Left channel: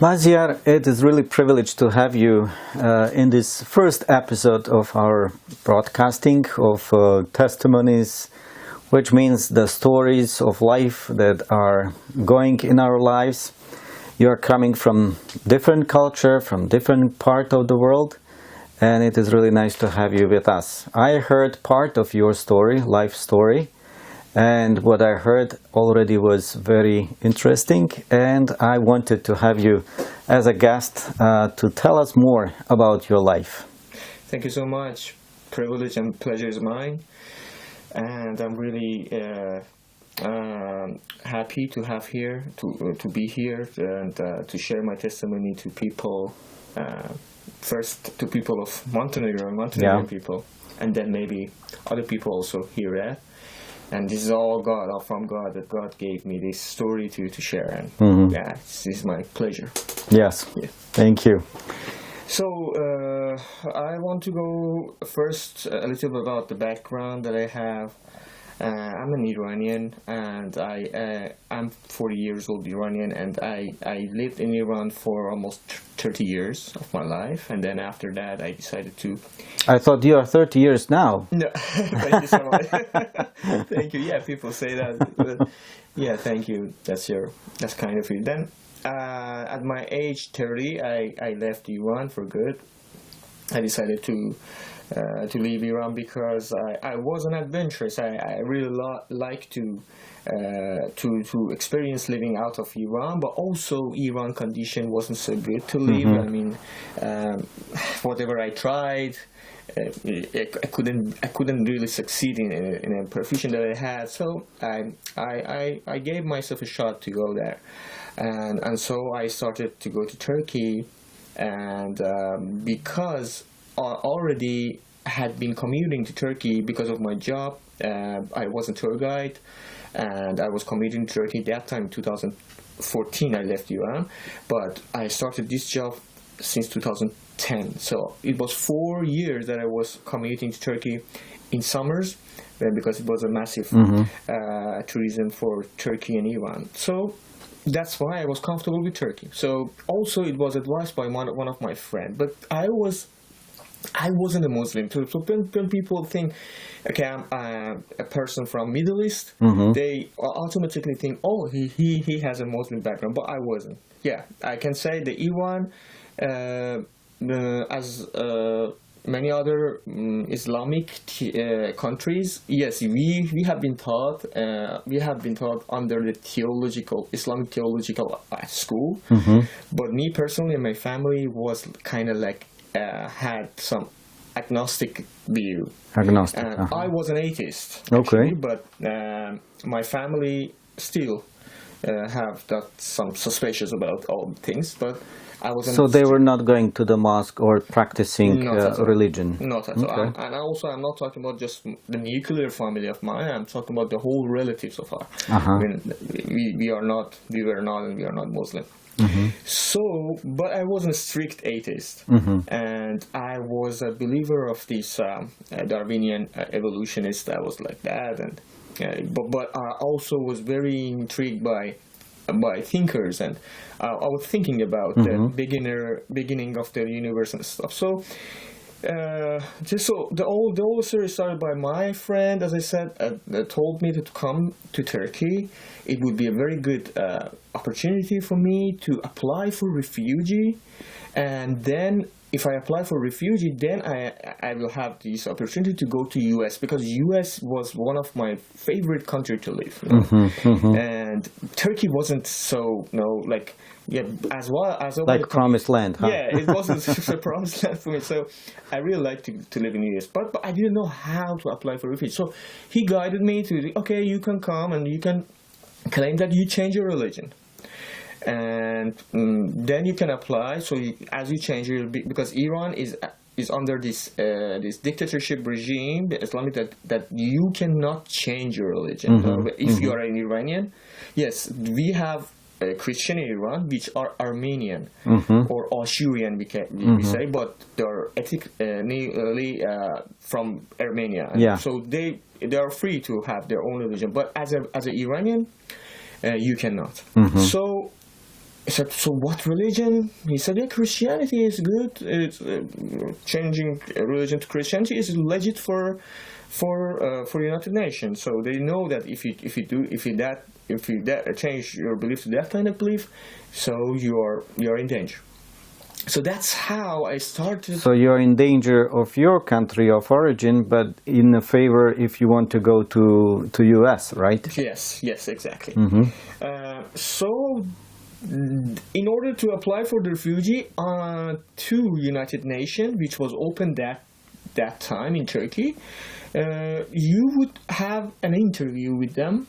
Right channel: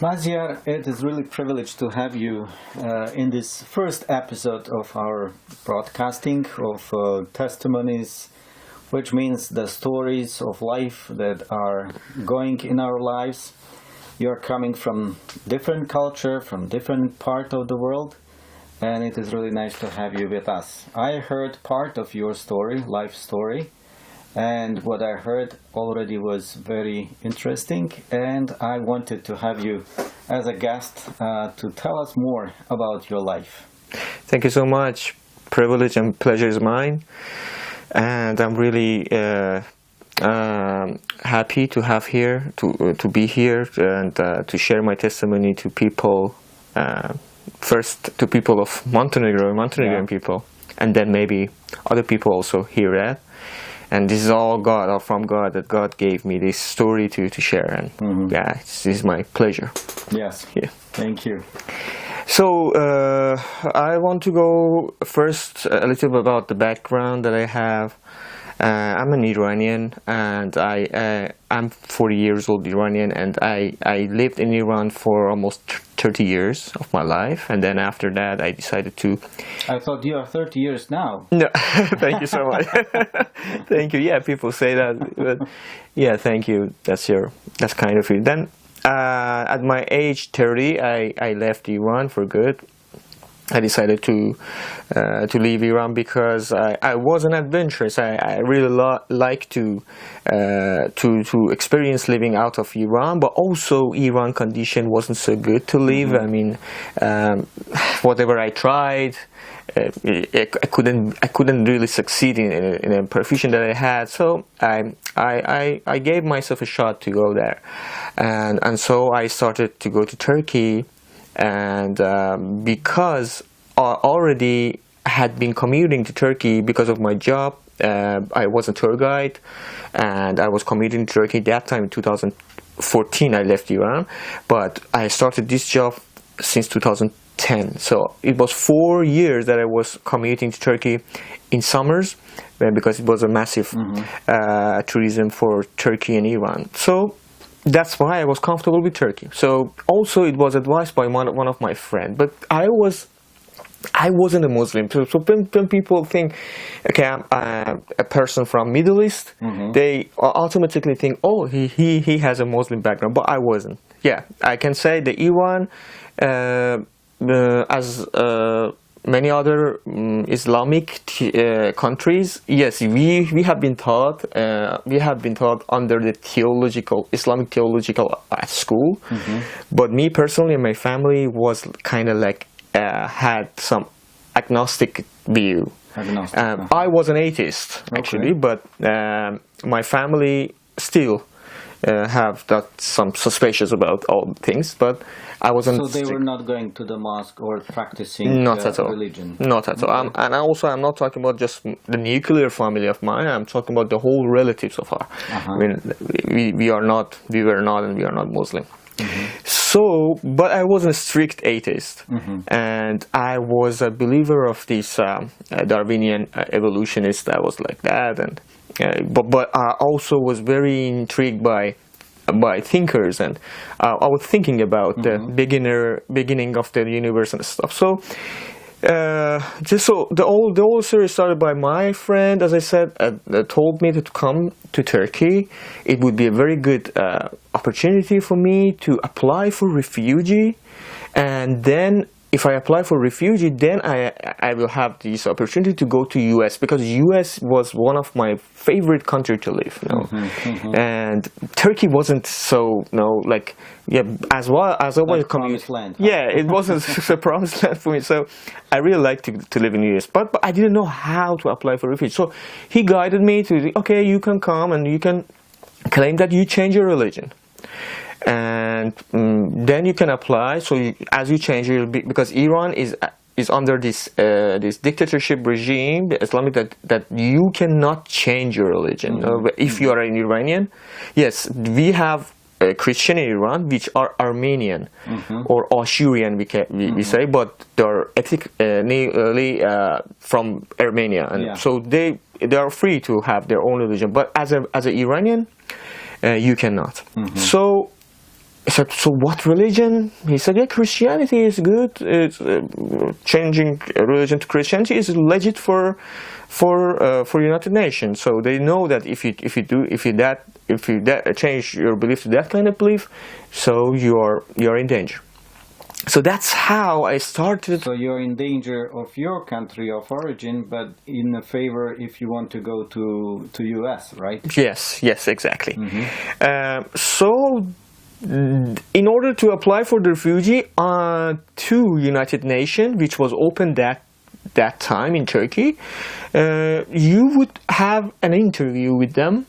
Maziar, it is really a privilege to have you in this first episode of our broadcasting of testimonies, which means the stories of life that are going in our lives. You are coming from different culture, from different part of the world, and it is really nice to have you with us. I heard part of your story, life story, and what I heard already was very interesting, and I wanted to have you as a guest to tell us more about your life. Thank you so much. Privilege and pleasure is mine, and I'm really happy to have here, to be here, and to share my testimony to people. First, to people of Montenegrin people, and then maybe other people also hear that. And this is all God, all from God, that God gave me this story to share. And yeah, this is my pleasure. Yes. Yeah. Thank you. So I want to go first a little bit about the background that I have. I'm an Iranian, and I'm 40 years old Iranian, and I lived in Iran for almost 30 years of my life, and then after that I decided to... I thought you are 30 years now. No, thank you so much. Thank you. Yeah, people say that, but yeah, thank you. That's kind of it. Then at my age 30, I left Iran for good. I decided to leave Iran because I was an adventurous. I really like to experience living out of Iran, but also Iran condition wasn't so good to live. I mean, whatever I tried, I couldn't really succeed in a profession that I had. So I gave myself a shot to go there, and so I started to go to Turkey. And because I already had been commuting to Turkey because of my job, I was a tour guide, and I was commuting to Turkey. That time in 2014 I left Iran, but I started this job since 2010. So it was 4 years that I was commuting to Turkey in summers, because it was a massive tourism for Turkey and Iran. So that's why I was comfortable with Turkey. So also it was advised by one of my friends, but I wasn't a Muslim. So when people think, okay, I'm a person from Middle East, they automatically think, oh, he has a Muslim background, but I wasn't. Yeah, I can say that Iran, as many other Islamic countries, yes, we have been taught under the Islamic theological school. But me personally and my family was kind of like had some agnostic view. I was an atheist actually, but my family still have some suspicions about all things, but I wasn't. So they were not going to the mosque or practicing religion? Not at all. And I'm not talking about just the nuclear family of mine. I'm talking about the whole relatives of ours. I mean, we were not, and we are not Muslim. So, but I was a strict atheist, and I was a believer of this Darwinian evolutionist. I was like that, and but I also was very intrigued by thinkers, and I was thinking about the beginning of the universe and stuff. So the whole series started by my friend, as I said, told me to come to Turkey. It would be a very good opportunity for me to apply for refugee, and then if I apply for refugee, then I will have this opportunity to go to US, because US was one of my favorite countries to live. And Turkey wasn't so, like, yeah, as well as like promised land. Huh? Yeah, it wasn't a promised land for me. So I really liked to live in US, but I didn't know how to apply for refugee. So he guided me to, okay, you can come and you can claim that you change your religion, and then you can apply. So as you change, because Iran is under this dictatorship regime, the Islamic, that you cannot change your religion. If you are an Iranian, yes, we have Christian in Iran, which are Armenian or Ashurian, we say, but they're ethnically from Armenia, and so they are free to have their own religion. But as an Iranian, you cannot. So I said, so what religion? He said, yeah, Christianity is good. It's changing religion to Christianity is legit for United Nations. So they know that if you change your belief to that kind of belief, so you're in danger. So that's how I started. So you're in danger of your country of origin, but in a favor if you want to go to US, right? Yes, exactly. So in order to apply for the refugee to United Nations, which was open that time in Turkey, you would have an interview with them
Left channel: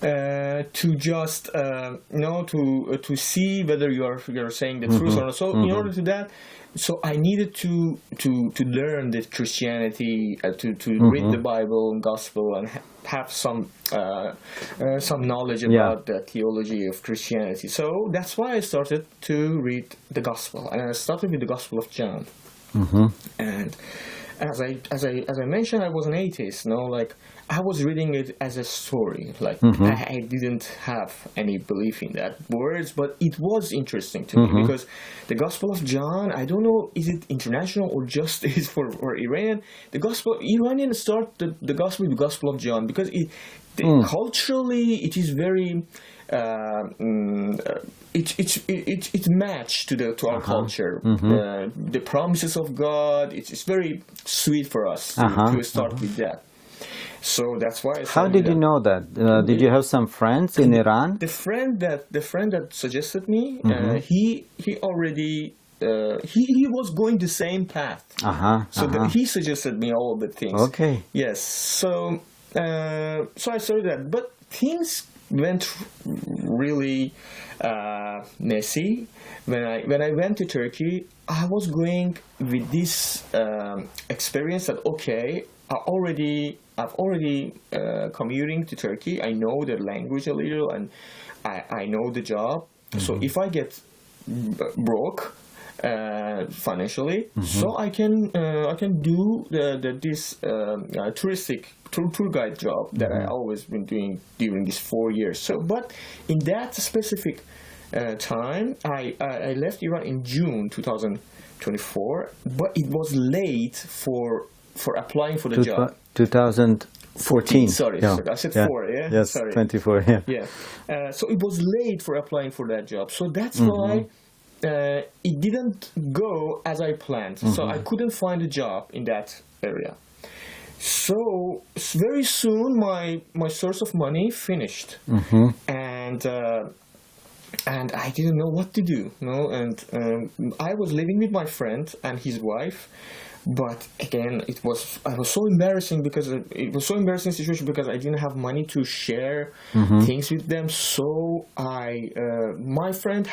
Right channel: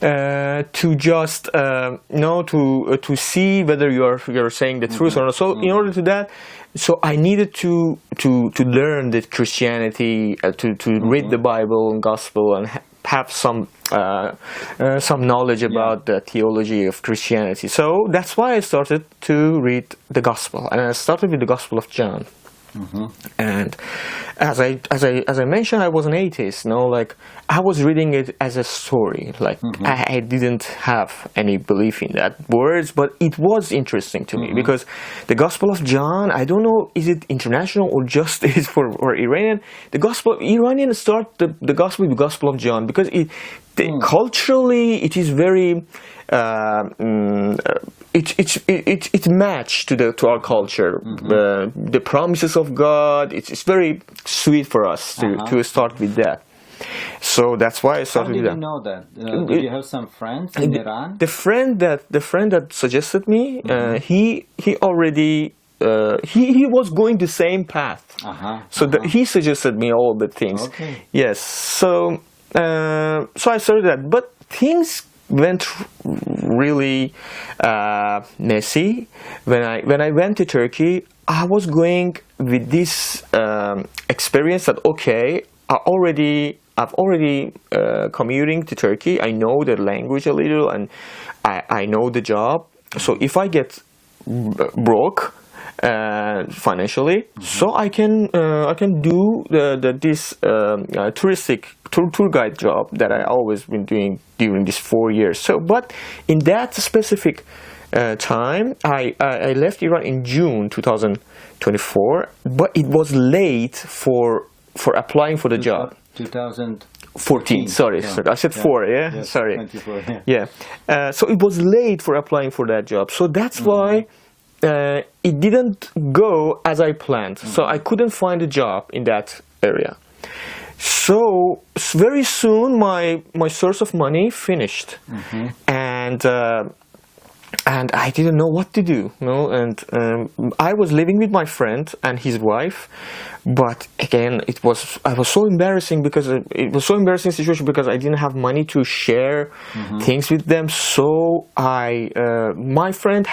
to just to see whether you're saying the truth or not. So in order to that, so I needed to learn the Christianity, to read the Bible and Gospel, and have some knowledge about the theology of Christianity. So that's why I started to read the Gospel, and I started with the Gospel of John. And as I mentioned, I was an atheist. Like I was reading it as a story. Like I didn't have any belief in that words, but it was interesting to me because the Gospel of John. I don't know, is it international or just is for Iranian? The Gospel Iranians start the Gospel with the Gospel of John because culturally it is very. It matched to our culture. The promises of God. It's very sweet for us to start with that. So that's why I started. How did you know that? Did you have some friends in Iran? The friend that suggested me, he already he was going the same path. He suggested me all the things. Okay. Yes. So I started that, but things went really messy. When I went to Turkey, I was going with this experience that I've already commuting to Turkey. I know the language a little, and I know the job. So if I get broke financially, so I can do this touristic tour guide job that I always been doing during these 4 years. So, but in that specific time, I left Iran in June 2024, but it was late for applying for the job. 2014. Sorry, I said 4. Yeah, yes, sorry. 24. Yeah. So it was late for applying for that job. So that's why it didn't go as I planned. So I couldn't find a job in that area. So very soon my source of money finished, and I didn't know what to do. And I was living with my friend and his wife. But again, I was so embarrassing because it was so embarrassing situation because I didn't have money to share things with them. So my friend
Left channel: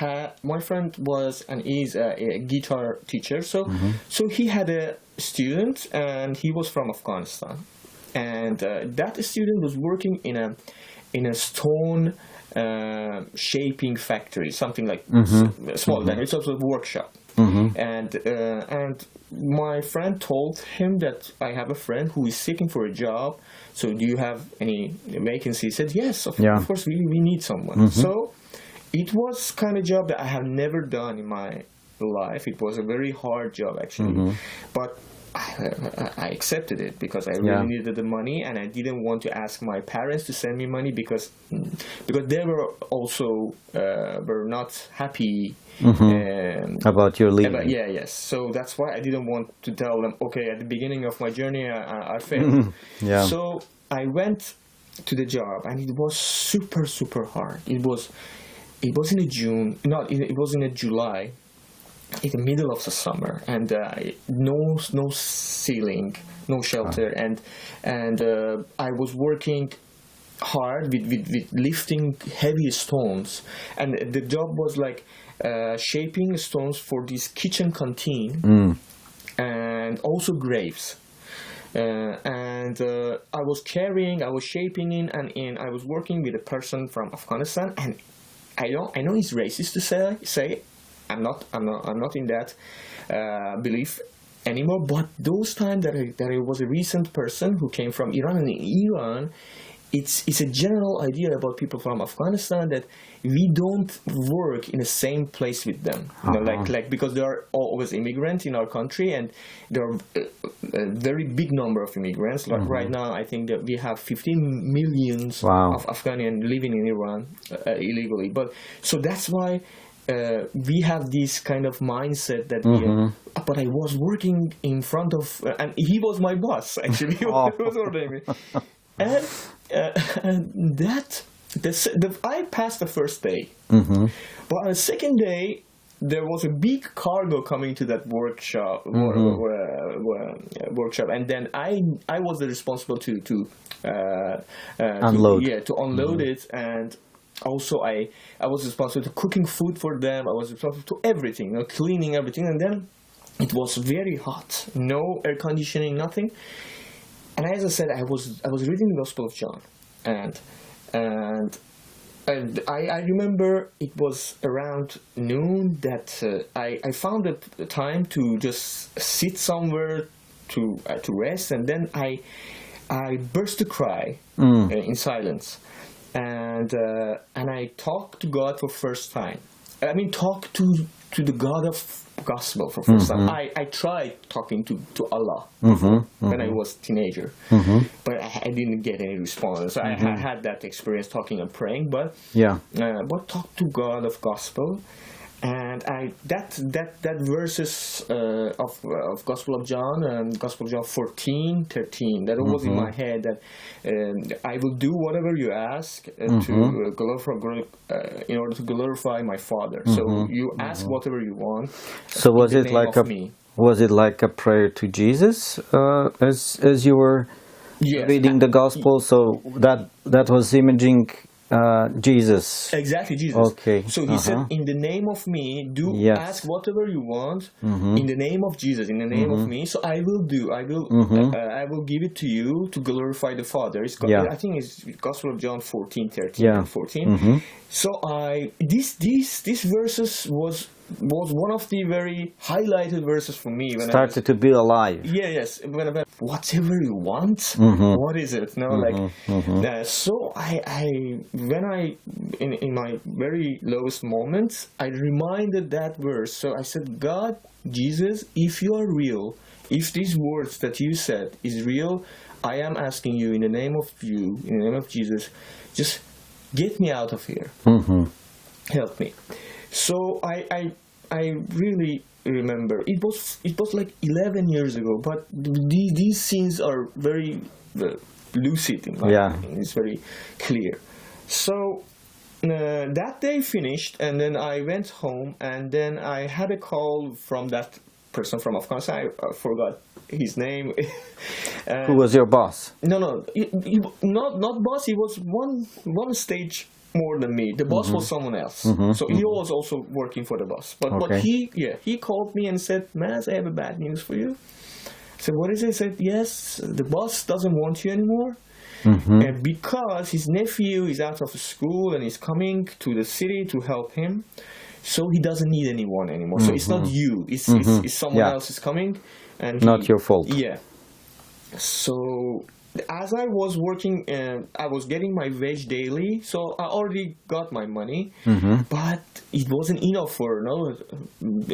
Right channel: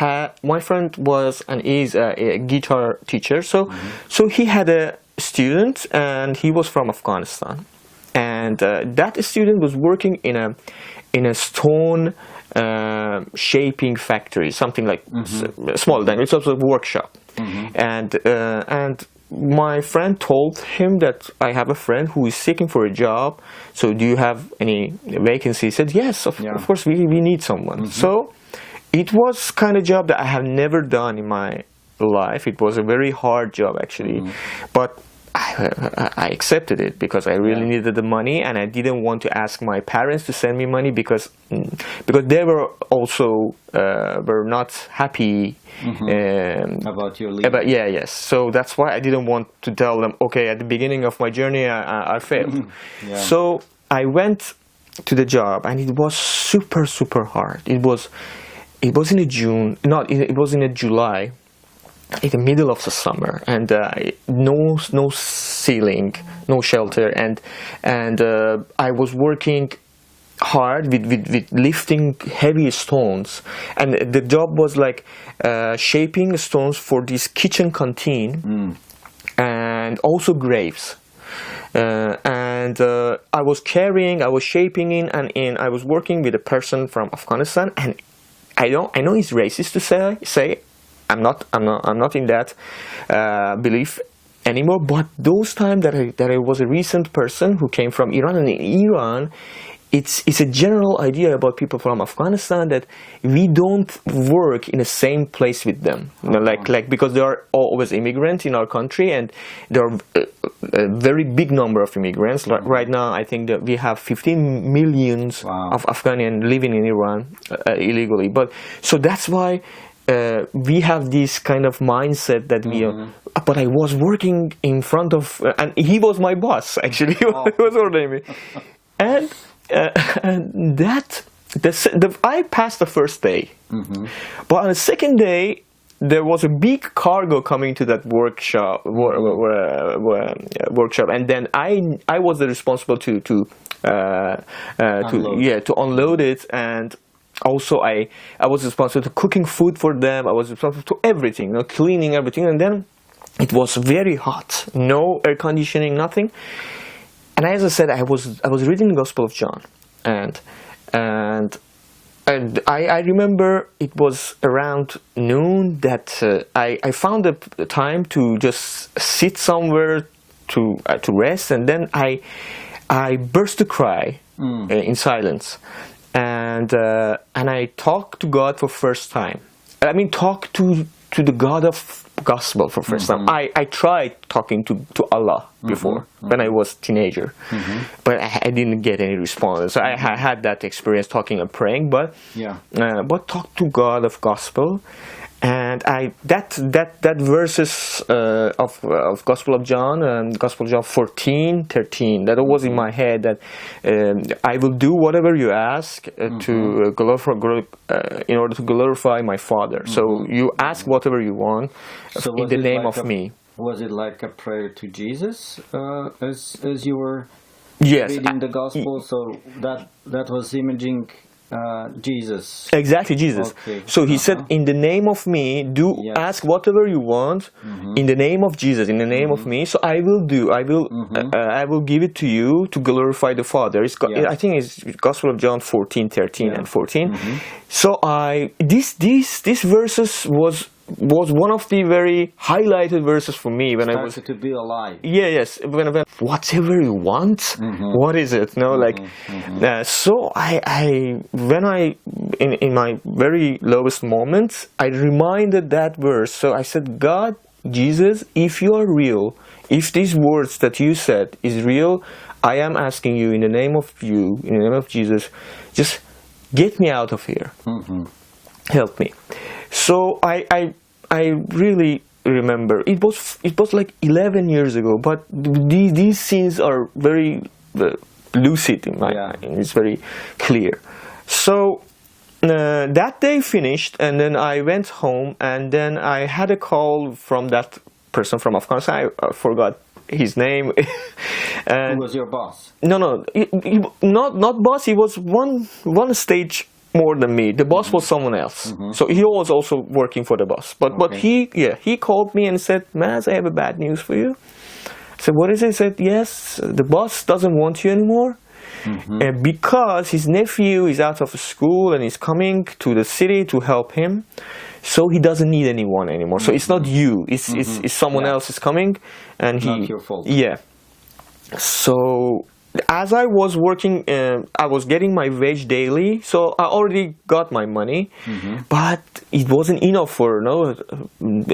was and is a guitar teacher. So he had a student and he was from Afghanistan, and that student was working in a stone shaping factory, something like small thing. It's also a workshop, and my friend told him that I have a friend who is seeking for a job. So do you have any vacancy? He said, yes, of course, we need someone. So it was kind of job that I have never done in my life. It was a very hard job, actually. But I accepted it because I really needed the money, and I didn't want to ask my parents to send me money because they were also were not happy about your leaving. Yes. So that's why I didn't want to tell them, okay, at the beginning of my journey I failed. So I went to the job, and it was super hard. It was in a June, it was in a July, in the middle of the summer, and no ceiling, no shelter, and I was working hard with lifting heavy stones, and the job was like shaping stones for this kitchen canteen and also graves. And I was shaping in, and I was working with a person from Afghanistan, and I know it's racist to say I'm not in that belief anymore. But those times that I was a recent person who came from Iran, and in Iran, it's a general idea about people from Afghanistan that we don't work in the same place with them. You know, like because there are always immigrants in our country, and there are a very big number of immigrants. Like right now, I think that we have 15 millions of Afghans living in Iran illegally. But so that's why we have this kind of mindset that we. But I was working in front of, and he was my boss actually. He was ordering me, and I passed the first day, but on the second day there was a big cargo coming to that workshop, workshop, and then I was the responsible to unload. to unload it, and also I was responsible to cooking food for them. I was responsible to everything, you know, cleaning everything, and then it was very hot, no air conditioning, nothing. And as I said, I was reading the Gospel of John, and I remember it was around noon that I found the time to just sit somewhere to rest, and then I burst to cry in silence, and I talked to God for first time. I mean, talk to the God of Gospel for first time. I tried talking to Allah before when I was teenager, but I didn't get any response. I had that experience talking and praying, but talk to God of Gospel, and that verses of Gospel of John, Gospel of John 14:13, that was in my head, that I will do whatever you ask to glorify, in order to glorify my Father. So you ask whatever you want, so in the name of me. Was it like a prayer to Jesus as you were reading the Gospel? So that was imaging Jesus. Exactly, Jesus. Okay. So he said, in the name of me, ask whatever you want, in the name of Jesus, in the name of me. So I will give it to you to glorify the Father. I think it's Gospel of John 14:13 and 14. So these verses was one of the very highlighted verses for me when started to be alive. Yes. When whatever you want, what is it? No, so when I in my very lowest moments, I reminded that verse. So I said, God, Jesus, if you are real, if these words that you said is real, I am asking you in the name of Jesus, just get me out of here. Help me. So I really remember it was like 11 years ago, but these scenes are very lucid in my mind. It's very clear. So that day finished, and then I went home, and then I had a call from that person from Afghanistan. I forgot his name. Who was your boss? No, not boss. He was one stage more than me. The boss was someone else. So he was also working for the boss. But he called me and said, Maz, I have a bad news for you. I said, what is it? He said, yes, the boss doesn't want you anymore. And because his nephew is out of school and is coming to the city to help him, so he doesn't need anyone anymore. So it's not you. It's someone else is coming, and not your fault. Yeah. So as I was working, I was getting my wage daily, so I already got my money, but it wasn't enough for I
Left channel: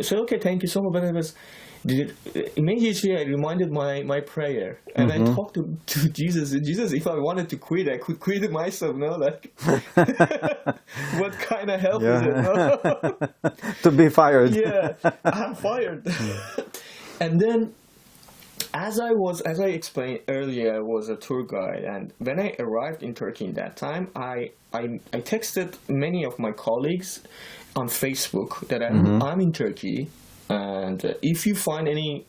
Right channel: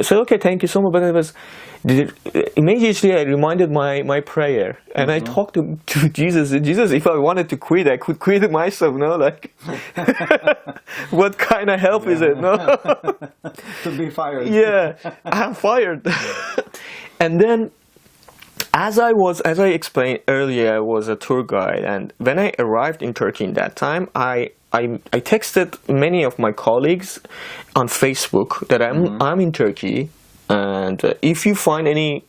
said, okay, thank you so much. But it was immediately I reminded my prayer, and I talked to Jesus. Jesus, if I wanted to quit, I could quit it myself. What kind of help is it? To be fired. Yeah, I'm fired. And then, as I explained earlier, I was a tour guide, and when I arrived in Turkey in that time, I texted many of my colleagues on Facebook that I'm in Turkey, and if you find any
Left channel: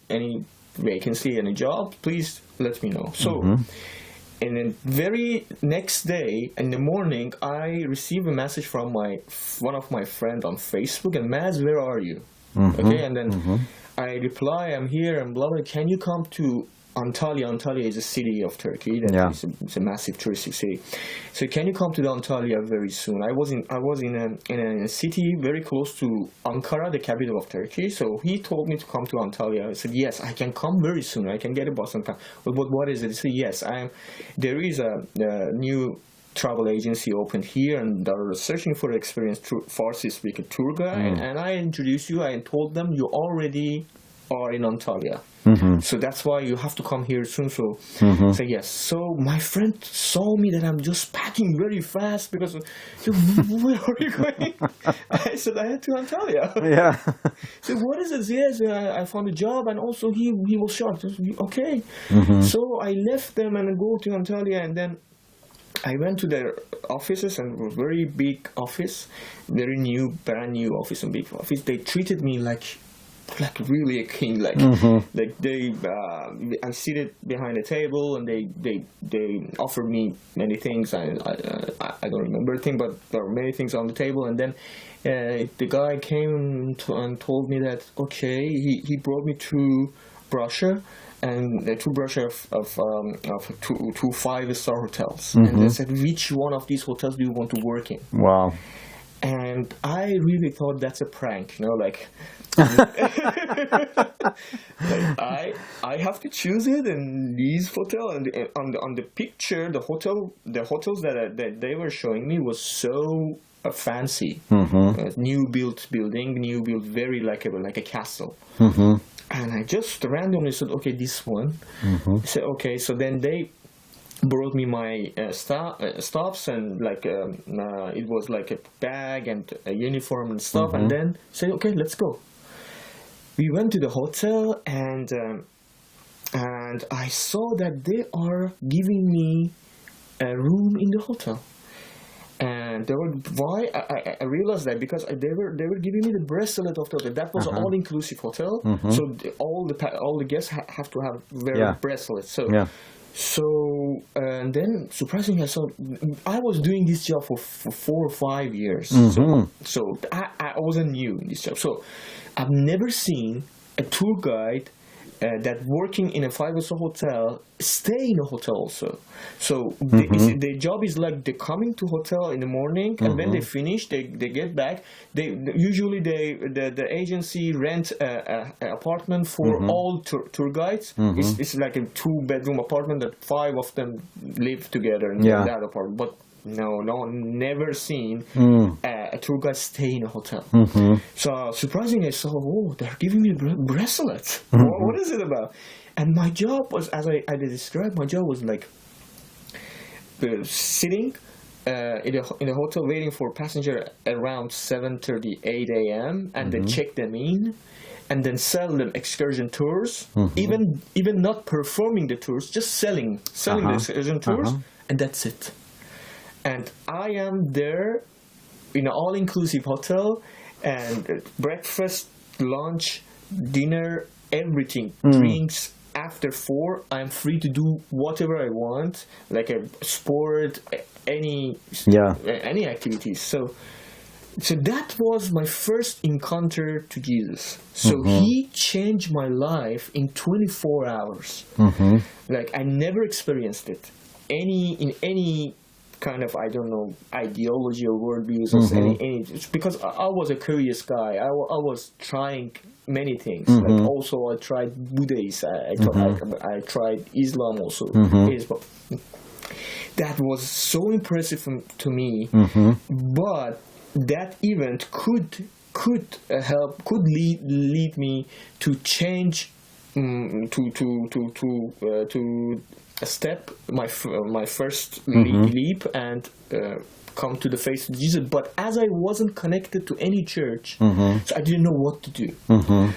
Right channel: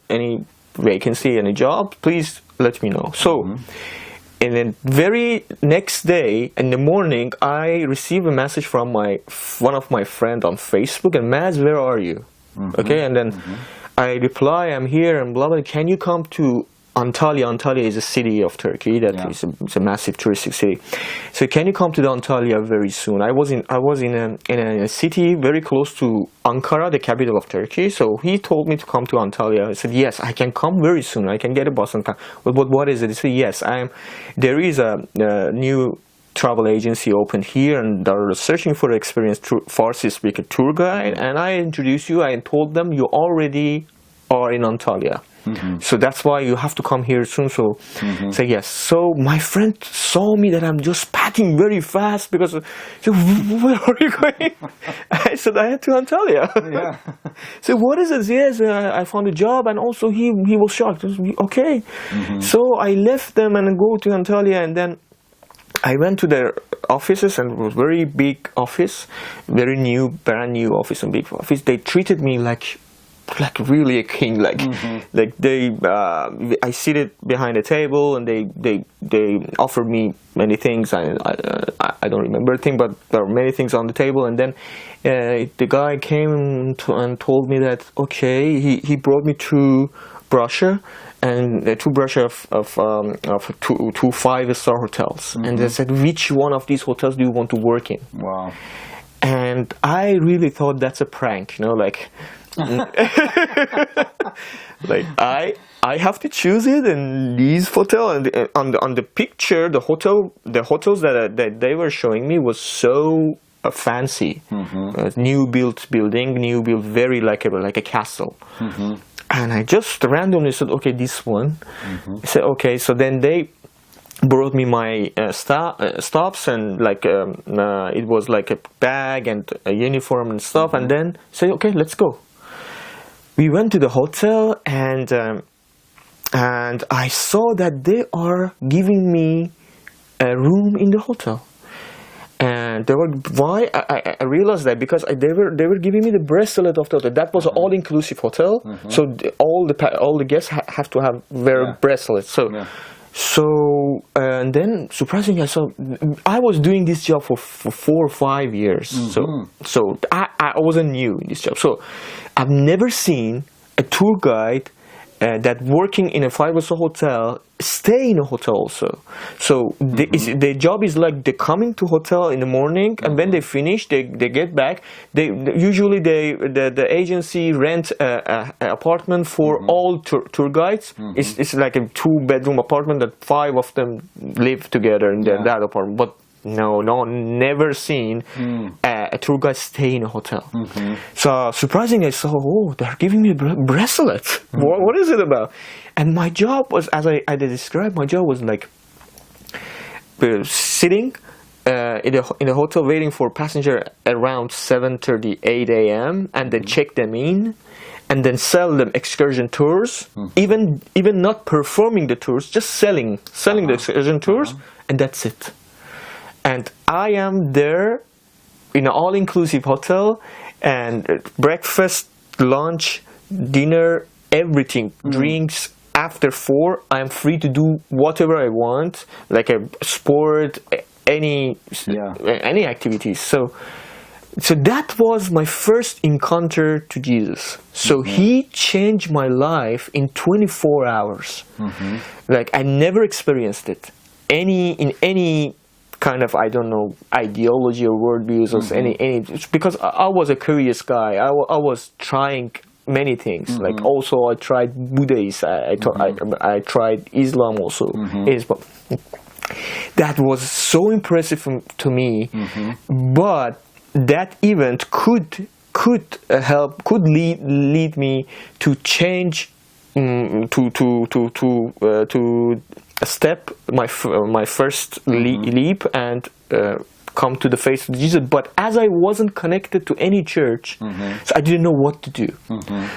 vacancy, any job, please let me know. So, and then very next day in the morning, I received a message from one of my friends on Facebook, and Maz, where are you? Okay, and then I reply, I'm here, and blah blah. Can you come to Antalya is a city of Turkey that is it's a massive touristic city. So can you come to the Antalya very soon? I was in a city very close to Ankara, the capital of Turkey. So he told me to come to Antalya. I said yes, I can come very soon. I can get a bus and come. But what is it? He said yes, there is a new travel agency open here, and they're searching for experienced Farsi speaker tour guide. And I introduced you. I told them you already are in Antalya. So that's why you have to come here soon. So say yes. So my friend saw me that I'm just packing very fast because where are you going? I said I had to Antalya. Yeah. So what is this? Yes, I found a job, and also he was shocked. Okay. So I left them and go to Antalya, and then I went to their offices, and it was very big office, very new, brand new office and big office. They treated me like really a king, like they I seated behind a table, and they offered me many things. I don't remember a thing, but there were many things on the table. And then the guy came and told me that okay, he brought me to Russia, and to Russia of two 5-star hotels, and they said, which one of these hotels do you want to work in? Wow. And I really thought that's a prank, like like I have to choose it, and these hotel, and on the picture the hotels that they were showing me was so fancy, new built very like a castle. And I just randomly said okay, this one. I said okay. So then they brought me my stops, and it was like a bag and a uniform and stuff, and then say okay, let's go. We went to the hotel, and I saw that they are giving me a room in the hotel. And they were I realized that because they were giving me the bracelet of the hotel. That was an all-inclusive hotel, so all the guests have to have their bracelets. So and then surprisingly, I was doing this job for 4 or 5 years. So I wasn't new in this job. So I've never seen a tour guide that working in a 5-star hotel stay in a hotel also. So their job is like they coming to hotel in the morning, and when they finish, they get back. Usually the agency rent a apartment for all tour guides. It's like a 2-bedroom apartment that 5 of them live together in that apartment. But no, never seen a tour guide stay in a hotel. So surprisingly, I saw, they're giving me bracelets. What is it about? And my job was, as I described, my job was like sitting in a hotel waiting for passenger around 7:30, 8 a.m. and then check them in, and then sell them excursion tours. Even not performing the tours, just selling the excursion tours, and that's it. And I am there in an all-inclusive hotel, and breakfast, lunch, dinner, everything, drinks. After 4, I am free to do whatever I want, like a sport, any activities. So that was my first encounter to Jesus. So he changed my life in 24 hours. Like I never experienced it in any kind of, I don't know, ideology or worldviews or any, because I was a curious guy. I was trying many things. Like also I tried Buddhism. I tried Islam also. But that was so impressive to me. But that event could lead me to change, to step my first leap and come to the face of Jesus. But as I wasn't connected to any church, so I didn't know what to do.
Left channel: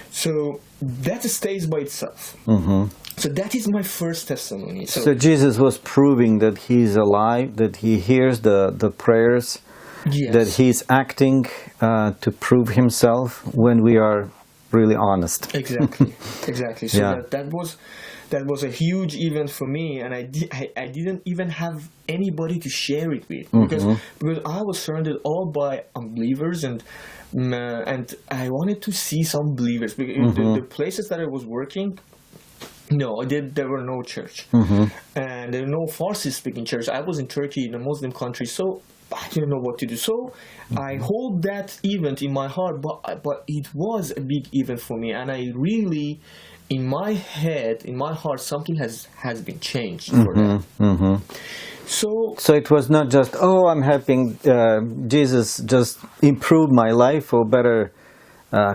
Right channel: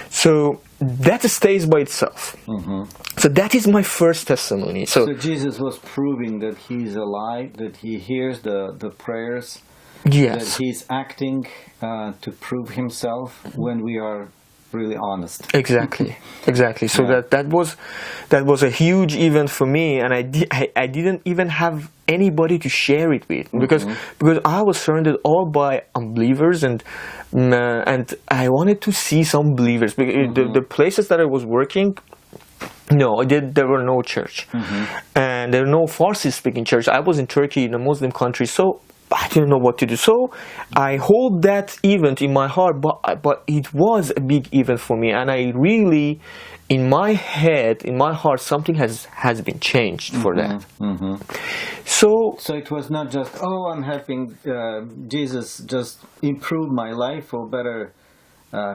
So that stays by itself. So that is my first testimony. So Jesus was proving that he is alive, that he hears the prayers, that he's acting to prove himself when we are really honest. Exactly. So that was a huge event for me, and I didn't even have anybody to share it with, because I was surrounded all by unbelievers, and I wanted to see some believers. The places that I was working, No, there were no church, and there were no Farsi-speaking church. I was in Turkey, in a Muslim country, so I didn't know what to do. So I hold that event in my heart, but it was a big event for me, and I really, in my head, in my heart, something has been changed for that. So it was not just, oh, I'm helping Jesus just improve my life or better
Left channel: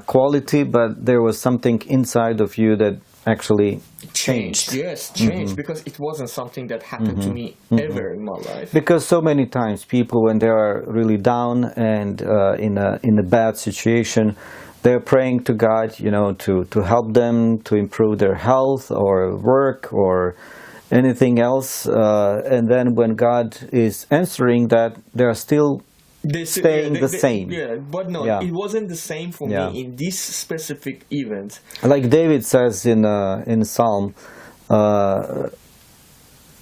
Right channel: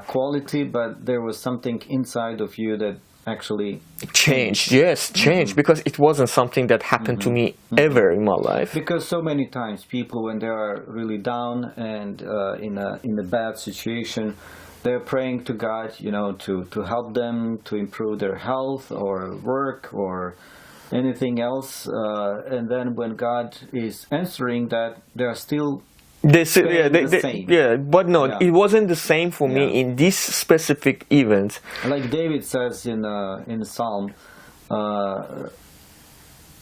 quality, but there was something inside of you that actually changed. Yes, changed, because it wasn't something that happened to me ever in my life. Because so many times people, when they are really down and in a bad situation, they're praying to God, you know, to help them to improve their health or work or anything else, and then when God is answering that, they are still the same. Yeah, but no, it wasn't the same for me in this specific event. Like David says in Psalm,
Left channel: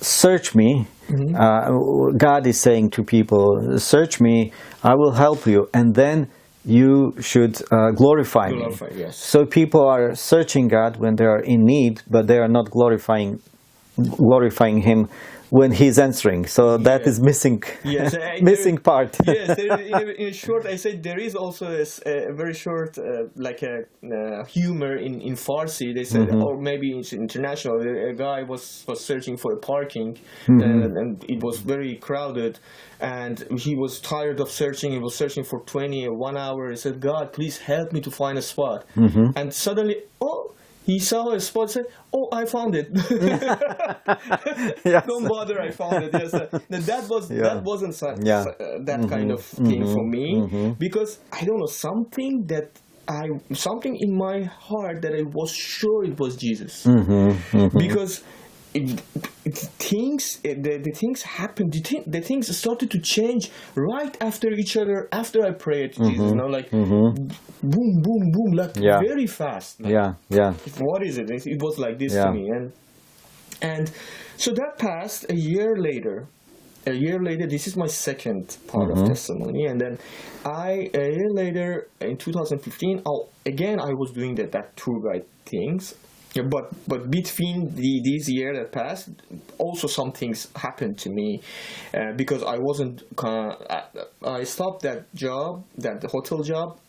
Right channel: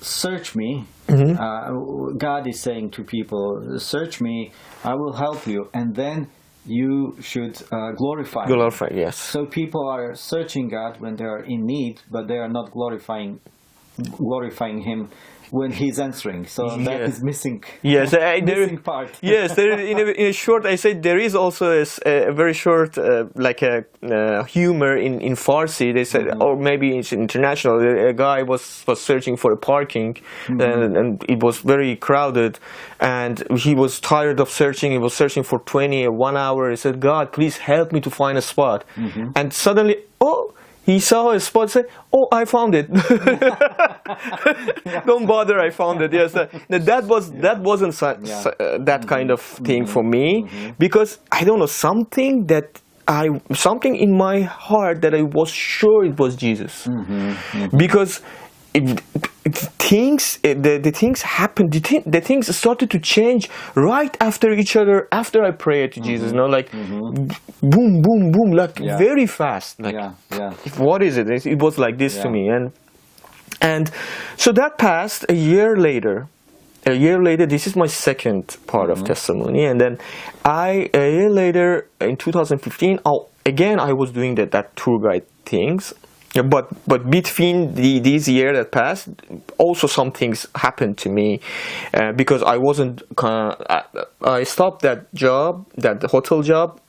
search me. God is saying to people, search me, I will help you, and then you should glorify me. Yes. So people are searching God when they are in need, but they are not glorifying Him when He's answering. So that is missing. Yes, missing part. Yes, in a short, I said there is also a very short, like a humor in Farsi. They said, or maybe it's international. A guy was searching for a parking, and it was very crowded, and he was tired of searching. He was searching for 1 hour. He said, "God, please help me to find a spot." And suddenly, he saw a spot, said, "Oh, I found it." Don't bother, I found it. Yes, that wasn't that kind of thing for me, because I don't know, something in my heart that I was sure it was Jesus, because the things happened. The things started to change right after each other. After I prayed to Jesus, like boom, boom, boom, like very fast. Like, what is it? It was like this to me, and so that passed. A year later, this is my second part of testimony, and then a year later, in 2015, I was doing that tour guide things. Yeah, but between these years that passed, also some things happened to me, because I wasn't. I stopped that job, that hotel job,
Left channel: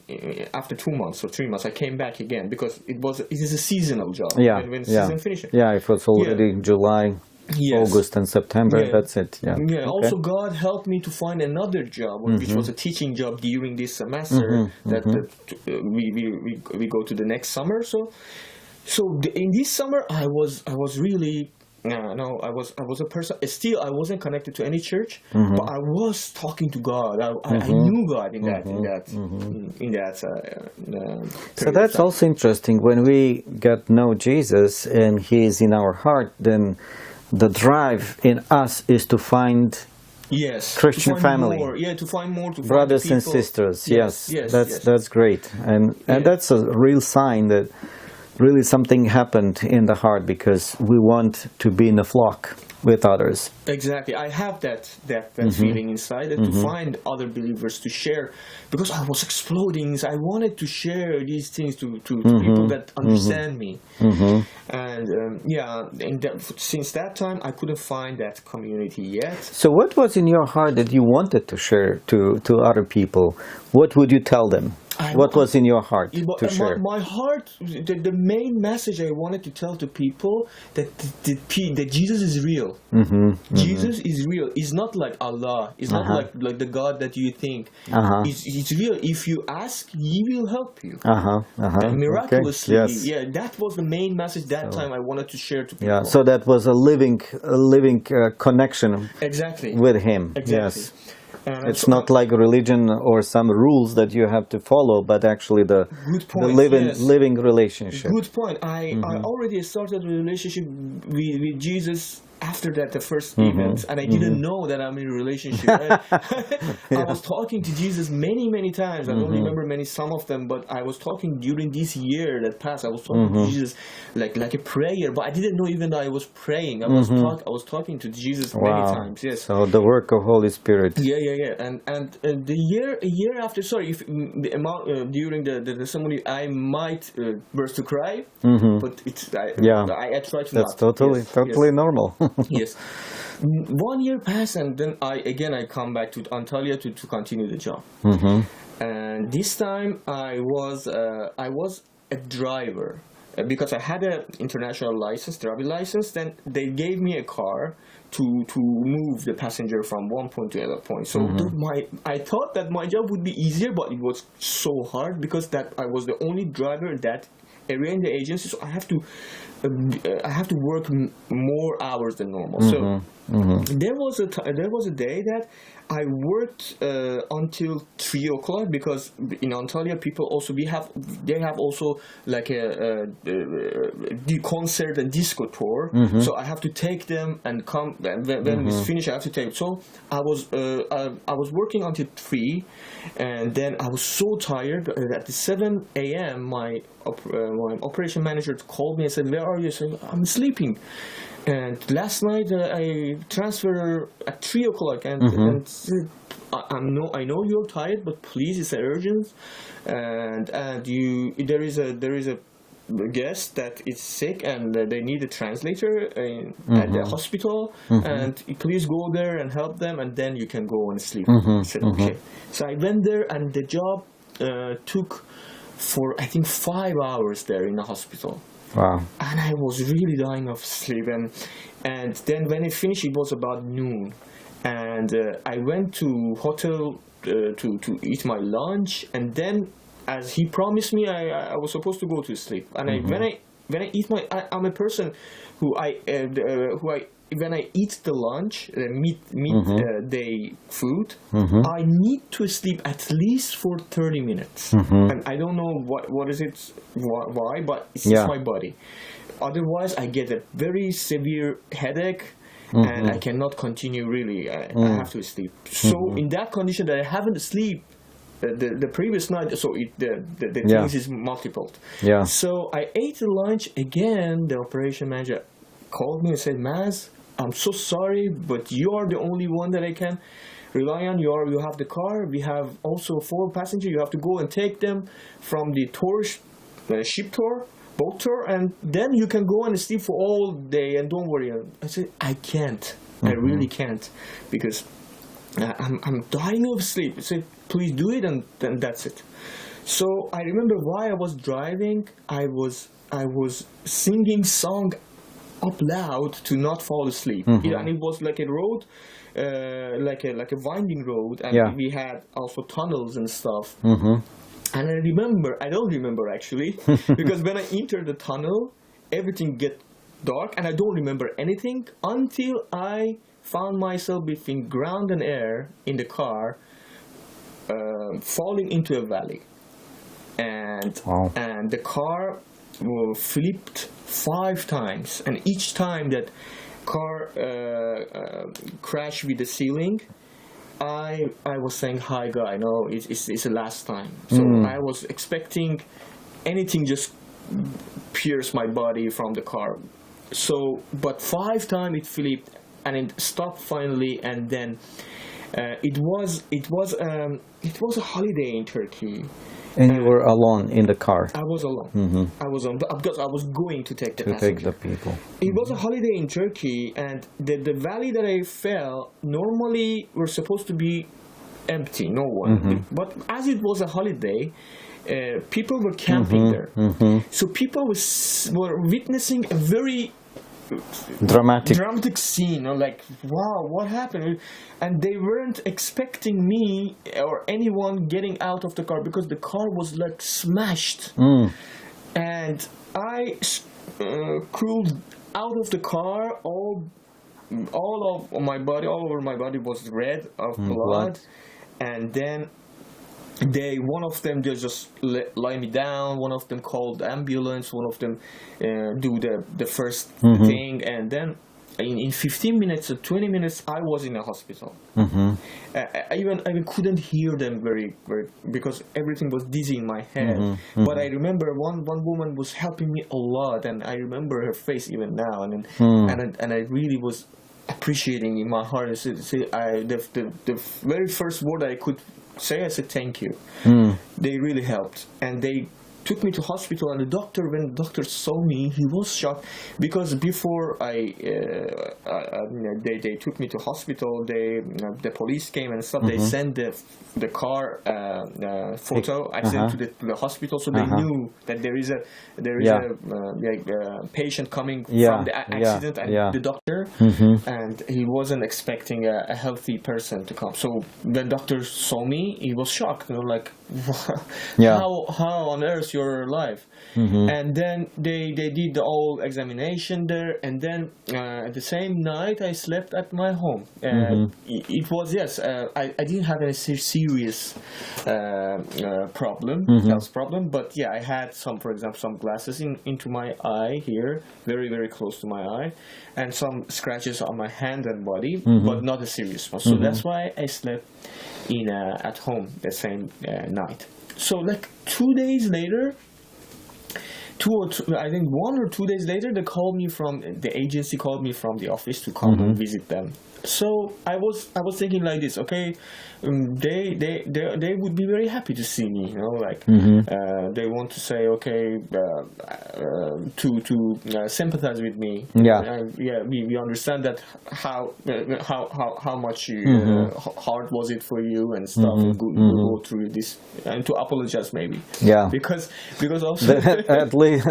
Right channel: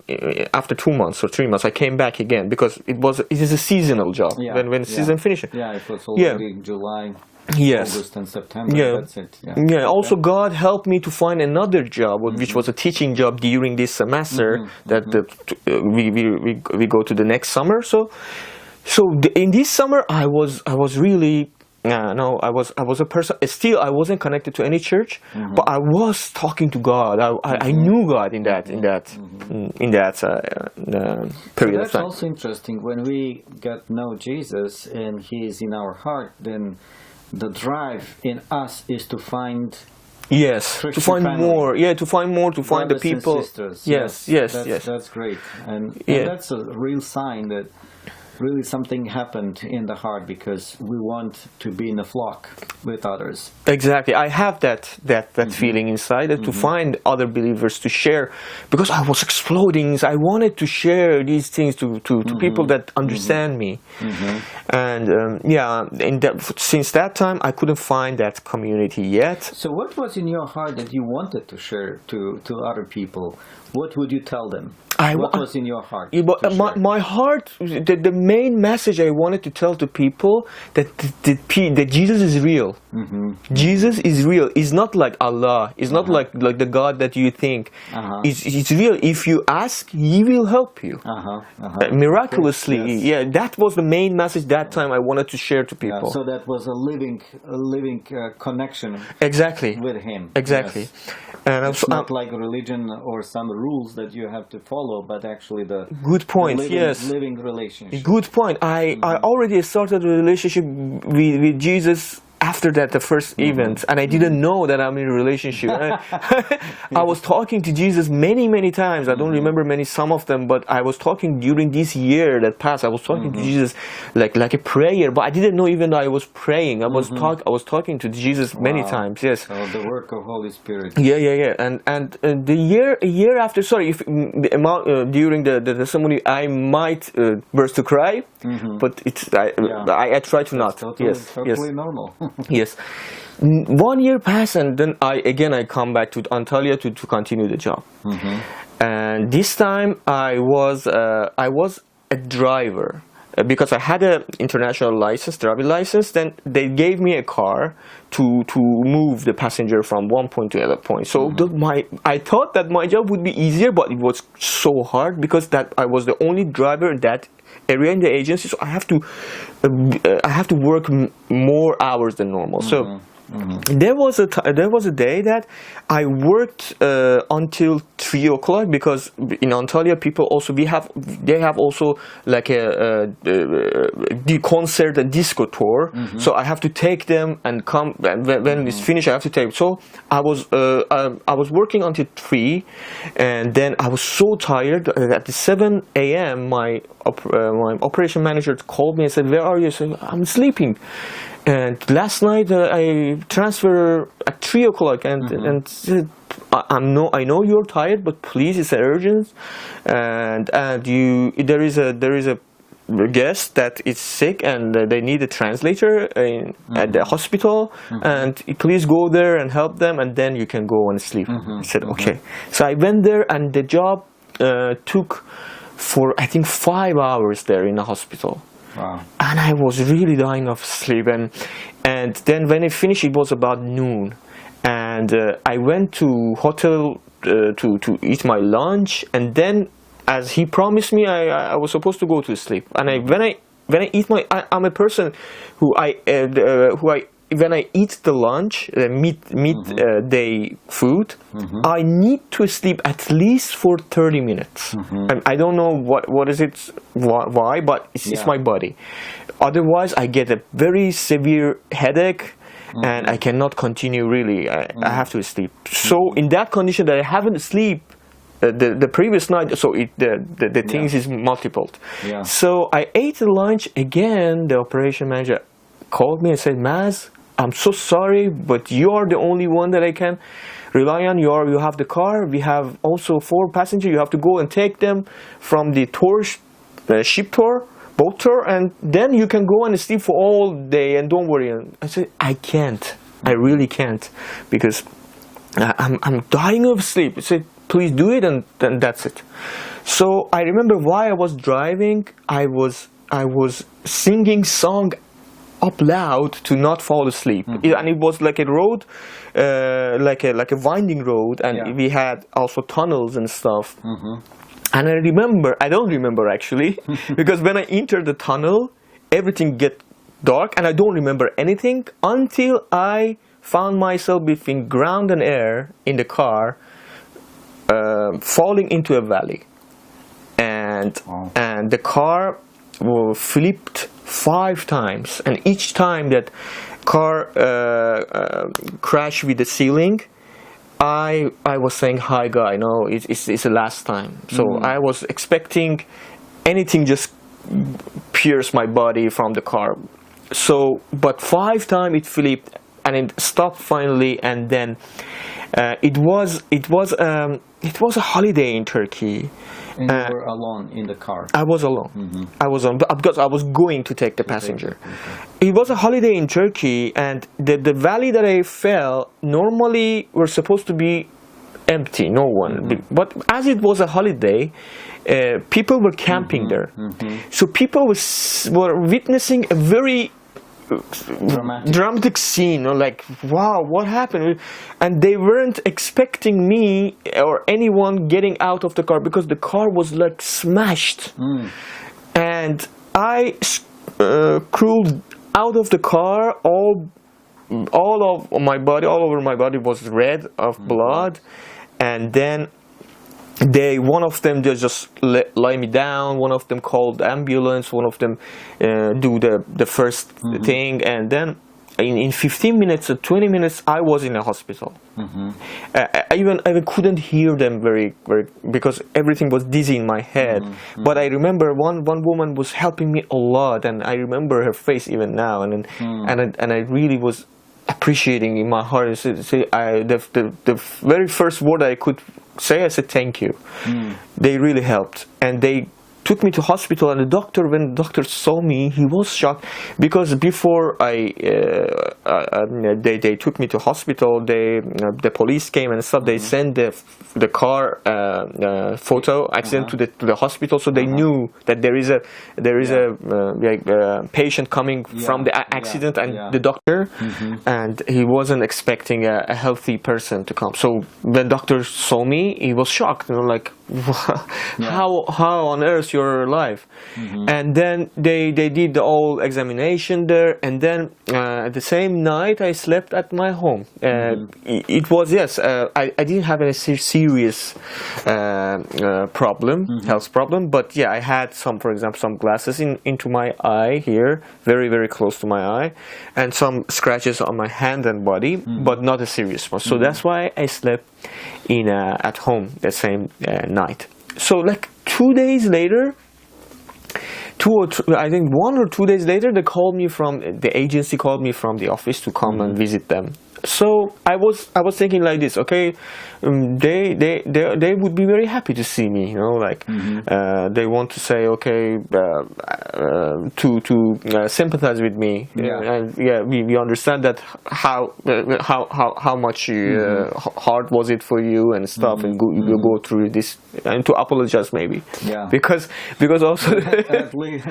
after 2 months or 3 months. I came back again because it is a seasonal job. When the season finishes. Yeah, it was already July. Yes. August and September, that's it. Okay. Also, God helped me to find another job, which was a teaching job during this semester. We go to the next summer. So in this summer, I was really I was a person. Still, I wasn't connected to any church, but I was talking to God. I knew God in that So that's also interesting. When we get to know Jesus and He is in our heart, then the drive in us is to find Christian to find family. more. Yeah, to find more, to find brothers the people. and sisters. Yes. That's great, and that's a real sign that really something happened in the heart, because we want to be in a flock with others. Exactly. I have that feeling inside, that to find other believers to share, because I was exploding. I wanted to share these things to people that understand me. And since that time, I couldn't find that community yet. So what was in your heart that you wanted to share to other people? What would you tell them? What was in your heart? My heart, the main message I wanted to tell to people, that Jesus is real. Jesus is real. He's not like Allah. He's not like the God that you think. It's real. If you ask, He will help you. Miraculously. Okay. That was the main message that time I wanted to share to people. So that was a living connection. Exactly. With Him. Exactly. Yes. And it's not like a religion or some rules that you have to follow, but actually the living relationship. Good point. I already started a relationship with Jesus after that, the first event, and I didn't know that I'm in a relationship. I was talking to Jesus many, many times. I don't remember some of them, but I was talking during this year that passed. I was talking to Jesus like a prayer, but I didn't know even that I was praying. I was talking to Jesus many times. Yes. So the work of Holy Spirit. Yeah. And a year after, sorry, if during the testimony, I might burst to cry, but I try to not. Totally normal. Yes. 1 year passed, and then I come back to Antalya to continue the job. And this time I was a driver because I had an international license, driving license. Then they gave me a car to move the passenger from one point to another point. So I thought that my job would be easier, but it was so hard because that I was the only driver in that area in the agency, so I have to work more hours than normal. So there was a day that I worked until 3 o'clock because in Antalya people also they have also like the concert, a disco tour. So I have to take them and come, and when it's finished I have to take. So I was working until 3, and then I was so tired. At the 7 a.m. my operation manager called me and said, "Where are you?" I said, "I'm sleeping." And last night I transferred at 3 o'clock and said, I know you're tired, but please, it's urgent, and there is a guest that is sick and they need a translator at the hospital, and please go there and help them, and then you can go and sleep. I said okay. So I went there, and the job took for I think 5 hours there in the hospital. Wow. And I was really dying of sleep, and then when it finished, it was about noon, and I went to hotel to eat my lunch, and then as he promised me, I was supposed to go to sleep. And when I eat I'm a person when I eat the lunch, midday food, I need to sleep at least for 30 minutes. And I don't know what is it, why, but it's just my body. Otherwise, I get a very severe headache, and I cannot continue really. I have to sleep. So in that condition that I haven't sleep the previous night, so the things is multiplied. Yeah. So I ate the lunch again. The operation manager called me and said, "Maz, I'm so sorry, but you are the only one that I can rely on. You have the car. We have also 4 passengers. You have to go and take them from the tour, ship tour, boat tour, and then you can go and sleep for all day, and don't worry." And I said, "I can't. I really can't, because I'm dying of sleep." I said, "Please do it, and then that's it." So I remember while I was driving, I was singing song up loud to not fall asleep. And it was like a road, like a winding road, and we had also tunnels and stuff. And I don't remember actually, because when I entered the tunnel, everything get dark, and I don't remember anything until I found myself between ground and air in the car, falling into a valley, and the car flipped 5 times, and each time that car crashed with the ceiling, I was saying, "Hi, guy, no, it's the last time." So I was expecting anything just pierce my body from the car. So, but 5 times it flipped, and it stopped finally, and then it was a holiday in Turkey. And you were alone in the car? I was alone. I was alone because I was going to take the passenger. It was a holiday in Turkey, and the valley that I fell normally were supposed to be empty, no one. But as it was a holiday, people were camping there. So people were witnessing a very dramatic scene, like, wow, what happened? And they weren't expecting me or anyone getting out of the car, because the car was like smashed. And I crawled out of the car. All over my body was red of blood. And then one of them just lay me down. One of them called ambulance. One of them do the first thing, and then in 15 minutes or 20 minutes, I was in a hospital. I even couldn't hear them very because everything was dizzy in my head. But I remember one woman was helping me a lot, and I remember her face even now. And I really was appreciating in my heart. The very first word I could say, I said thank you. They really helped, and they took me to hospital. And when the doctor saw me, he was shocked, because before they took me to hospital, the police came and stuff. They sent the car photo accident to the hospital, so they knew that there is a patient coming from the accident, and the doctor, and he wasn't expecting a healthy person to come. So when doctor saw me, he was shocked, like, how on earth you're alive? And then they did the whole examination there, and then at the same night I slept at my home. It was I didn't have any serious problem, health problem, but I had for example, some glasses into my eye here, very close to my eye, and some scratches on my hand and body, but not a serious one. So that's why I slept at home the same night. So like 2 days later, I think 1 or 2 days later, the agency called me from the office to come and visit them. So I was thinking like this, okay, they would be very happy to see me, they want to say, okay, to sympathize with me, and we understand that how much hard was it for you and stuff, and you go through this, and to apologize maybe, because also at least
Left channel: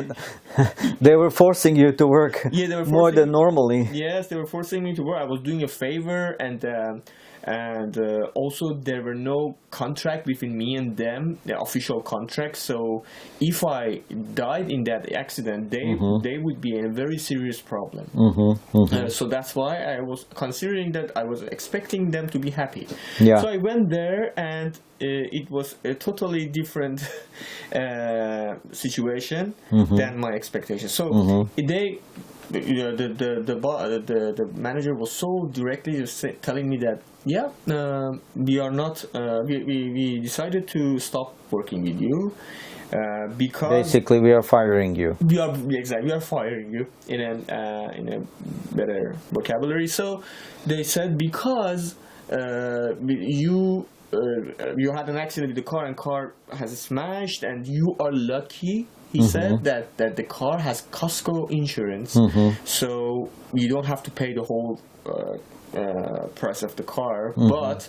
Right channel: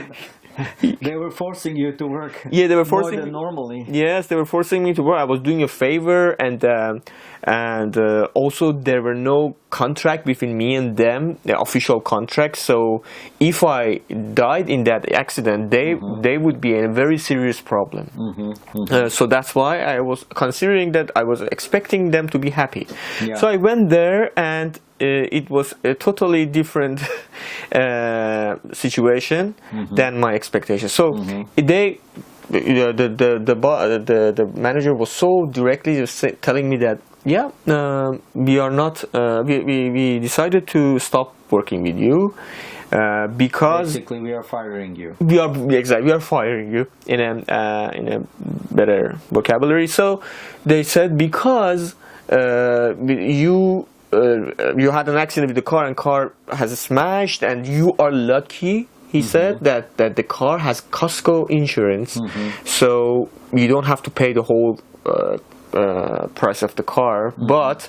they were forcing you to work more than normally. Yes, they were forcing me to work. I was doing a favor, and also there were no contract between me and them, the official contract. So if I died in that accident, they would be in a very serious problem. So that's why I was considering that, I was expecting them to be happy. So I went there, and it was a totally different situation than my expectations. So the manager was so directly telling me that we are not we decided to stop working with you, because basically we are firing you. We are firing you in a better vocabulary. So they said, because you had an accident with the car, and car has smashed, and you are lucky, he said, that the car has Costco insurance, so you don't have to pay the whole price of the car, but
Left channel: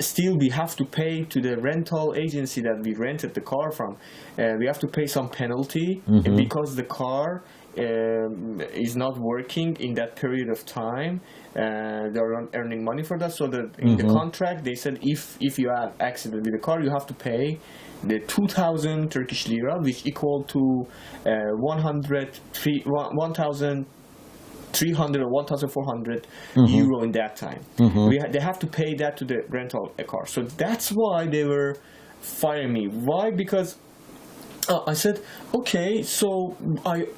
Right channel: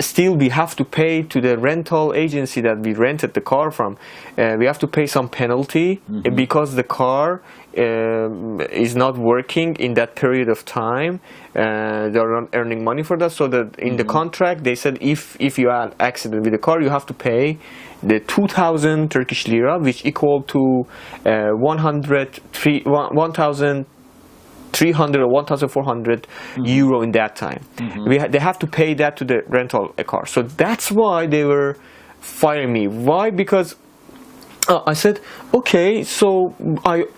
still we have to pay to the rental agency that we rented the car from. We have to pay some penalty, because the car is not working in that period of time. They're not earning money for that, so that in the contract they said, if you had accident with the car, you have to pay the 2,000 Turkish lira, which equal to 1,300 or 1,400 euro in that time. They have to pay that to the rental car. So that's why they were firing me. Why? Because I said, okay, so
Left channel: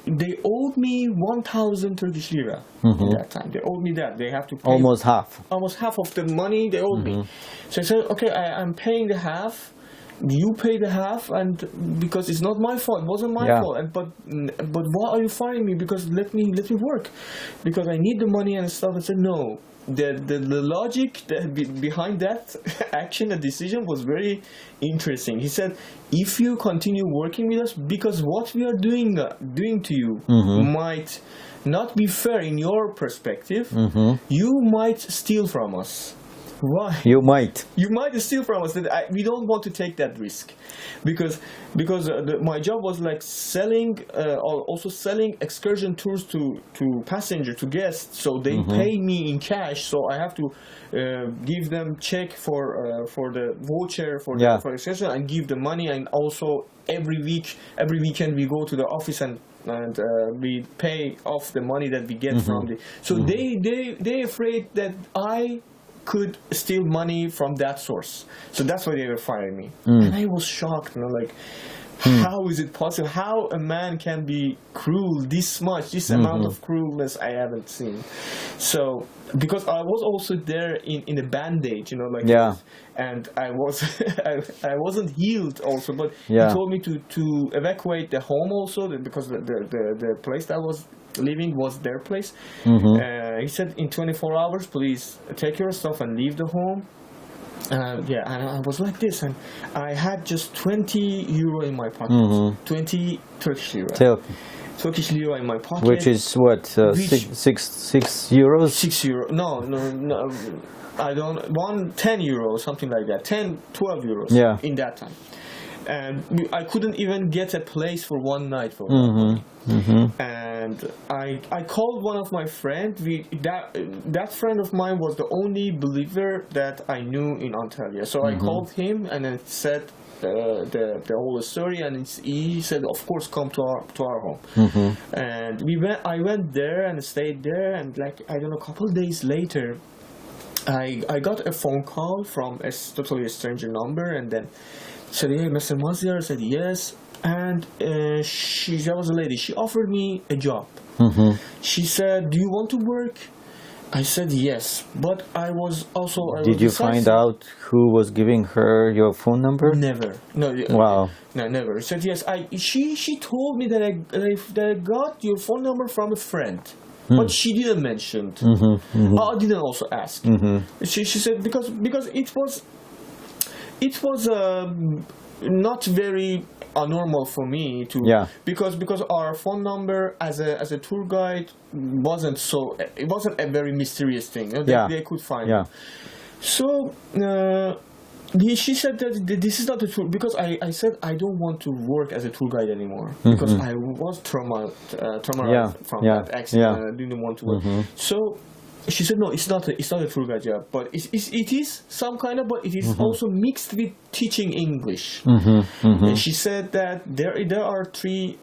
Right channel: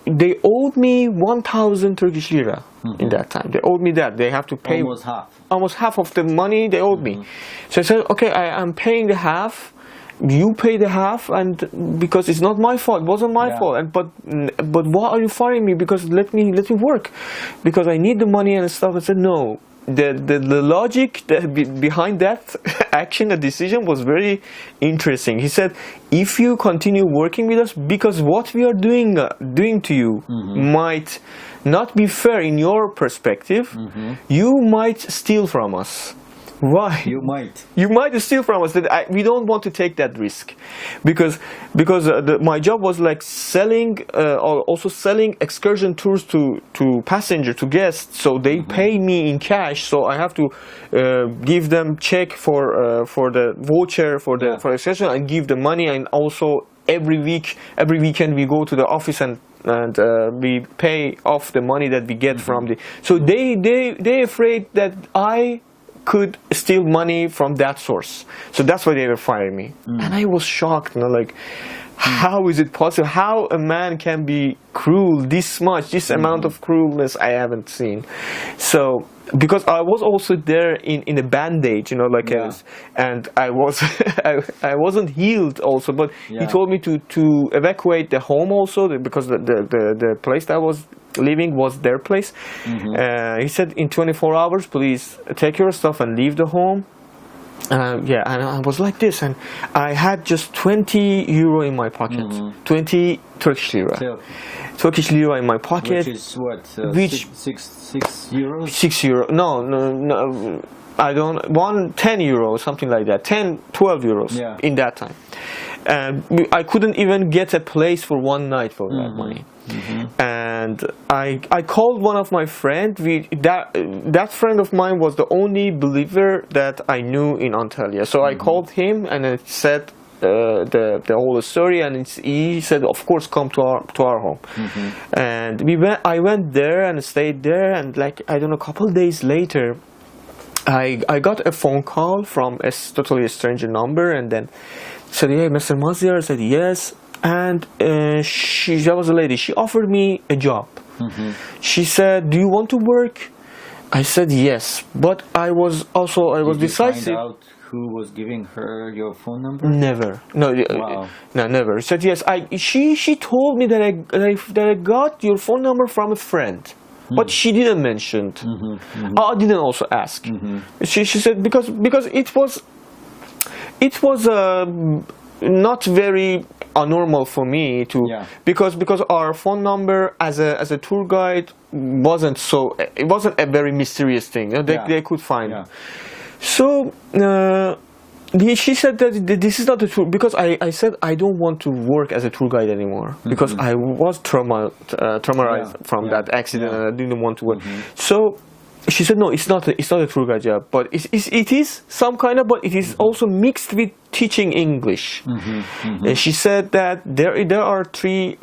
they owed me 1,000 Turkish lira in that time. They owed me that. They have to pay almost half of the money they owed me. So I said, okay, I'm paying the half. You pay the half, and because it's not my fault, it wasn't my fault. But why are you firing me? Because let me work, because I need the money and stuff. I said no. The logic behind that action, the decision, was very interesting. He said, if you continue working with us, because what we are doing to you might not be fair in your perspective, you might steal from us. Why? You might steal from us. We don't want to take that risk, because my job was like selling, also selling excursion tours to passengers, to guests. So they pay me in cash. So I have to give them check for the voucher for excursion, and give the money. And also every weekend we go to the office and we pay off the money that we get from the. So they afraid that I could steal money from that source. So that's why they were firing me. And I was shocked, like, How is it possible? How a man can be cruel this much, this amount of cruelness I haven't seen. So, because I was also there in a bandage, you know, like this, and I was I wasn't healed also, but he told me to evacuate the home also, because the place that I was living was their place. He said in 24 hours, please take your stuff and leave the home. And I was like this, and I had just 20 euro in my pocket, 20 Turkish lira. Turkish lira in my pocket. Which is what, six euros? 6 euro. No. I don't, 10 euros, something like that. 10, 12 euros in that time. And I couldn't even get a place for one night for that money. And I called one of my friends. That friend of mine was the only believer that I knew in Antalya. So I called him and I said the whole story, and he said, of course, come to our home. And I went there and stayed there, and like, I don't know, a couple of days later, I got a phone call from a totally stranger number, and then said, "Hey, Mr. Maziar." I said, "Yes." And that was a lady. She offered me a job. She said, "Do you want to work?" I said yes, but I was decisive. Did you find out who was giving her your phone number? Never. No. Wow. No, never. She said yes. She told me that I got your phone number from a friend. But she didn't mention. I didn't also ask. She said because it was not very normal for me to because our phone number as a tour guide wasn't a very mysterious thing. You know, they could find it. So she said that this is not the tour, because I said I don't want to work as a tour guide anymore, because I was traumatized from that accident, and I didn't want to work. So she said, no, it's not a tour guide job, but it is some kind of, but it is also mixed with teaching English. And she said that there are three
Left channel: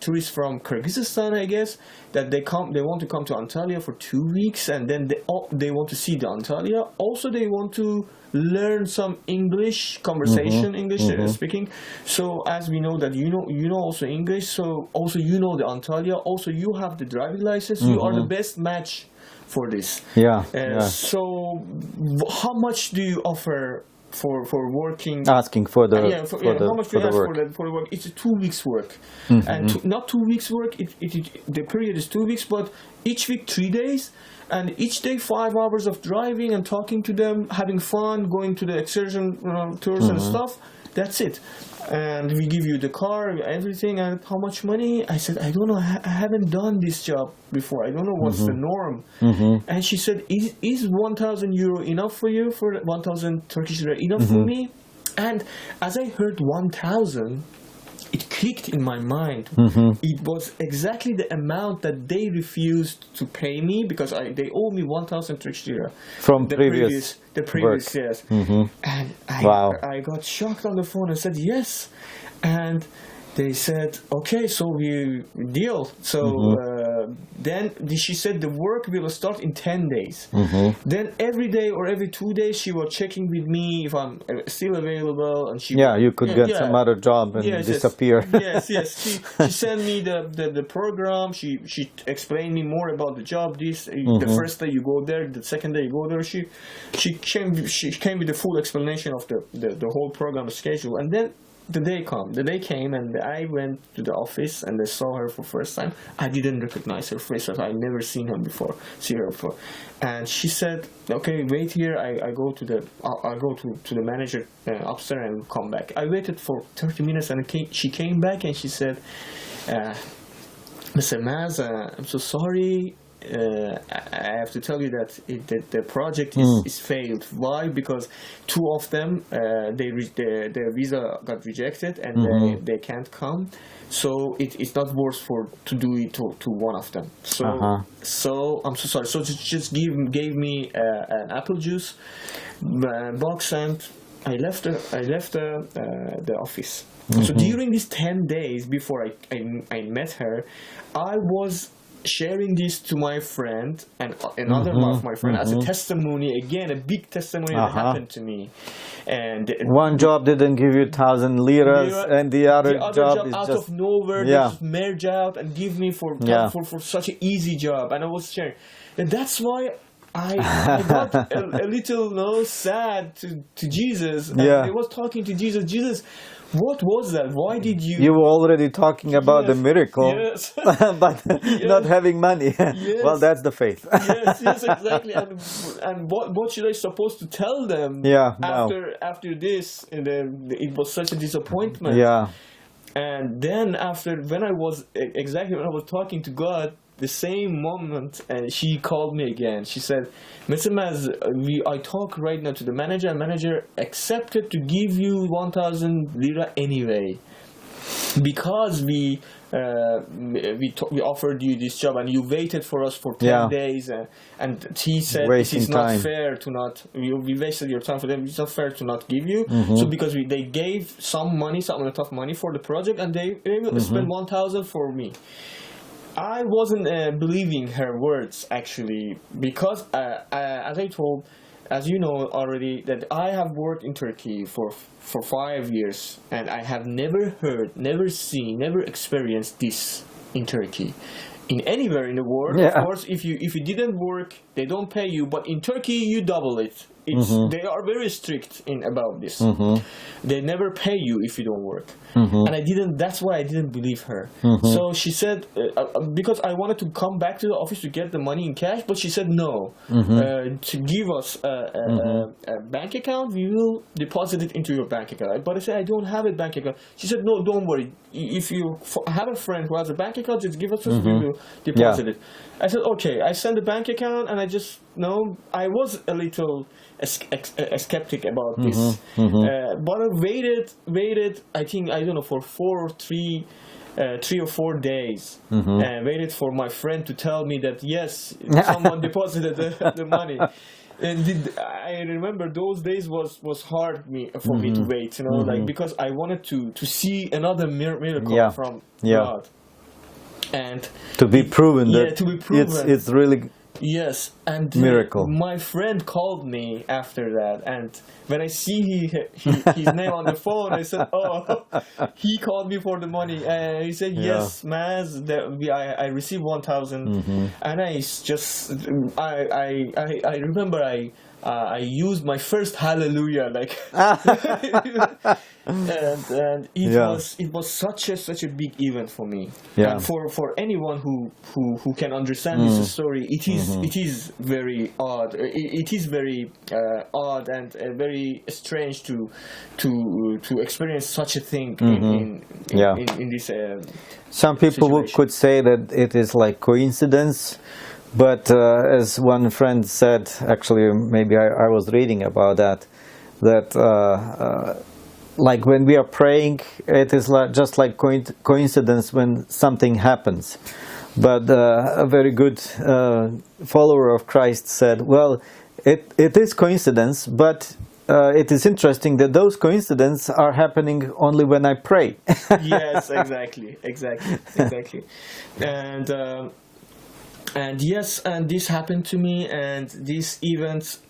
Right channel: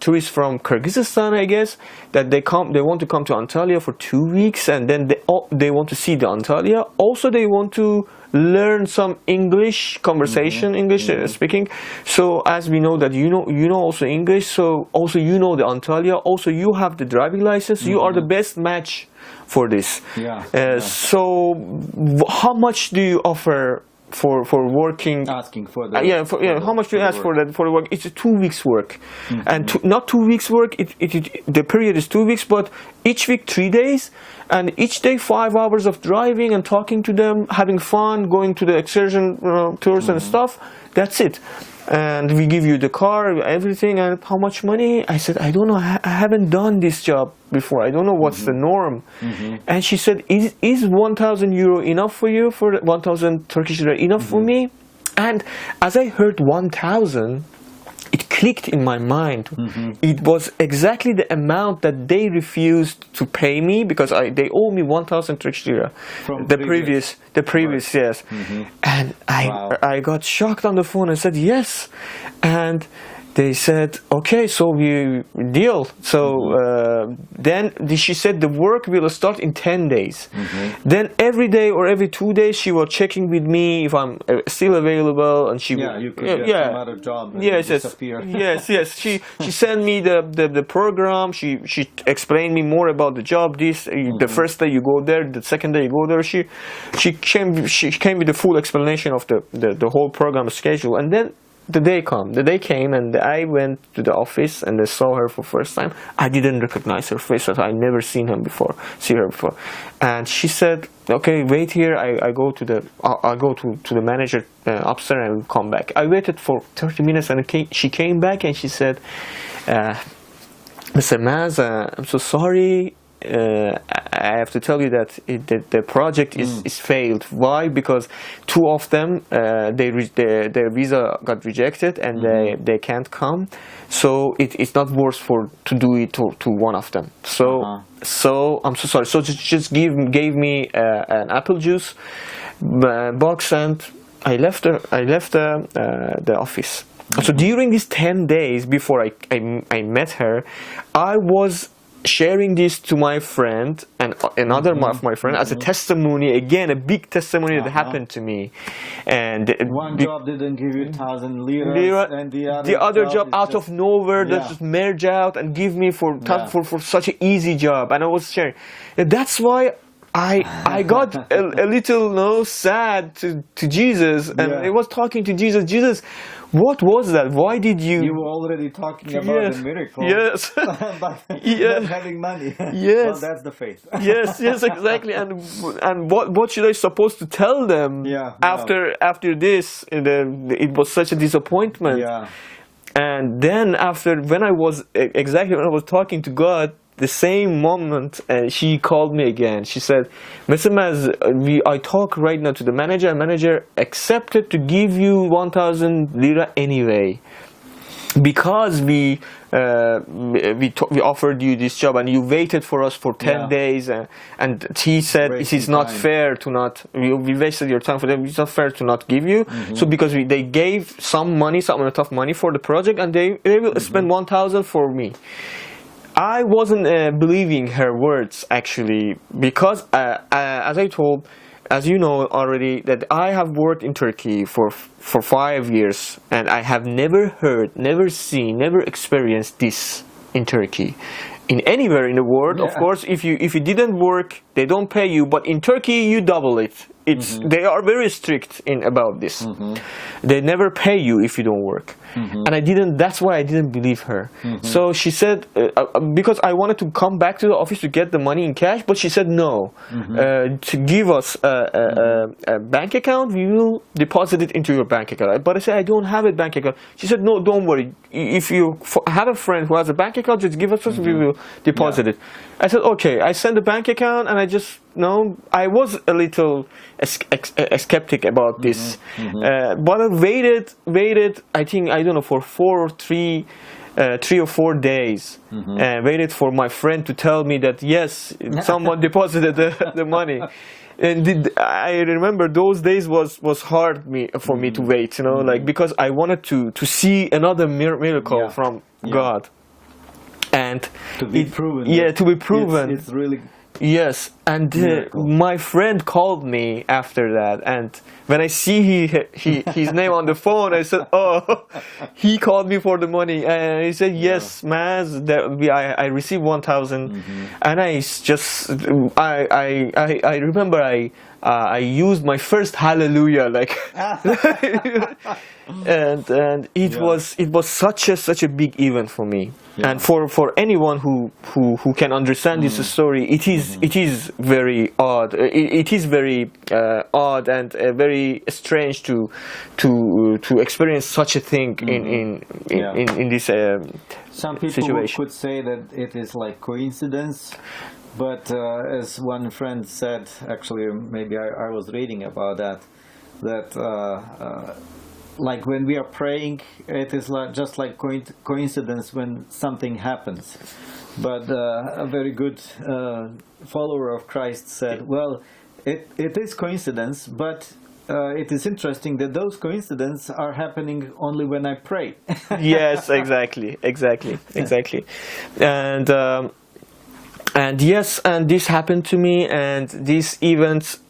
tourists from Kyrgyzstan, I guess, that they want to come to Antalya for 2 weeks, and then they want to see the Antalya. Also, they want to learn some English conversation, English speaking. So as we know that you know also English, so also you know the Antalya, also you have the driving license, you are the best match for this. So how much do you offer for working? Asking for the how much do you ask for the work? It's a 2 weeks work, and not 2 weeks work. The period is 2 weeks, but each week 3 days, and each day 5 hours of driving and talking to them, having fun, going to the excursion tours and stuff. That's it. And we give you the car, everything. And how much money? I said, I don't know. I haven't done this job before. I don't know what's the norm. And she said, is 1,000 euro enough for you? For 1,000 Turkish lira enough for me? And as I heard 1,000, it clicked in my mind. It was exactly the amount that they refused to pay me, because they owe me 1,000 Turkish lira from the previous yes. And I got shocked on the phone and said yes, and they said, okay, so we deal. So then she said the work will start in 10 days. Then every day or every 2 days she was checking with me if I'm still available, and you could get some other job and disappear. Yes. She sent me the program. She explained me more about the job. The first day you go there, the second day you go there. She came with the full explanation of the whole program schedule, and then the day came, and I went to the office and I saw her for the first time. I didn't recognize her face, I never seen her before. And she said, okay, wait here. I go to the manager upstairs and come back. I waited for 30 minutes, and she came back and she said, Mr. Maz, I'm so sorry. I have to tell you that the project is failed. Why? Because 2 of them, their visa got rejected, and they can't come. So it's not worth to do it to one of them. So I'm so sorry. So just gave me an apple juice box, and I left the office. So during these 10 days before I met her, I was sharing this to my friend and another of my friend as a testimony, again, a big testimony that happened to me. And one job didn't give you 1,000 liras, and the other job out just, of nowhere they just merge out and give me for such an easy job. And I was sharing. And that's why I got a little sad to Jesus, and I was talking to Jesus. Jesus, what was that? Why did you? You were already talking about the miracle, yes, but not having money. Yes. Well, that's the faith. yes, exactly. And what should I supposed to tell them? After this, it was such a disappointment. Yeah. And then when I was talking to God, the same moment, she called me again. She said, Mr. Maz, I talk right now to the manager, and manager accepted to give you 1,000 lira anyway, because we offered you this job and you waited for us for 10 days, and he said it is not fair to not, we wasted your time for them, it's not fair to not give you. So because they gave some amount of money for the project, and they will spend 1,000 for me. I wasn't believing her words, actually, because as you know already, that I have worked in Turkey for 5 years, and I have never heard, never seen, never experienced this in Turkey. In anywhere in the world, of course, if you didn't work, they don't pay you, but in Turkey you double it. They are very strict about this. They never pay you if you don't work. And that's why I didn't believe her. So she said, because I wanted to come back to the office to get the money in cash, but she said no. To give us a bank account, we will deposit it into your bank account. But I said, I don't have a bank account. She said, no, don't worry. If you have a friend who has a bank account, just give us, we will deposit it. I said, okay. I sent the bank account, and I was a little skeptic about this. But I waited, I think, I don't know, for 3 or 4 days, and waited for my friend to tell me that, yes, someone deposited the money. And I remember those days was hard for me to wait, like, because I wanted to see another miracle from God. And to be proven. To be proven. It's really. Yes, and my friend called me after that, and when I see his name on the phone, I said, "Oh, he called me for the money." And he said, "Yes, Maz, I received 1,000," and I remember I used my first hallelujah, like, and it was such a big event for me, and for anyone who can understand this story, it is very odd. It is very odd and very strange to experience such a thing in this. Some people could say that it is like coincidence. But as one friend said, actually, maybe I was reading about that like when we are praying, it is just like coincidence when something happens. But a very good follower of Christ said, well, it is coincidence, but it is interesting that those coincidences are happening only when I pray. Yes, exactly. And yes, and this happened to me, and these events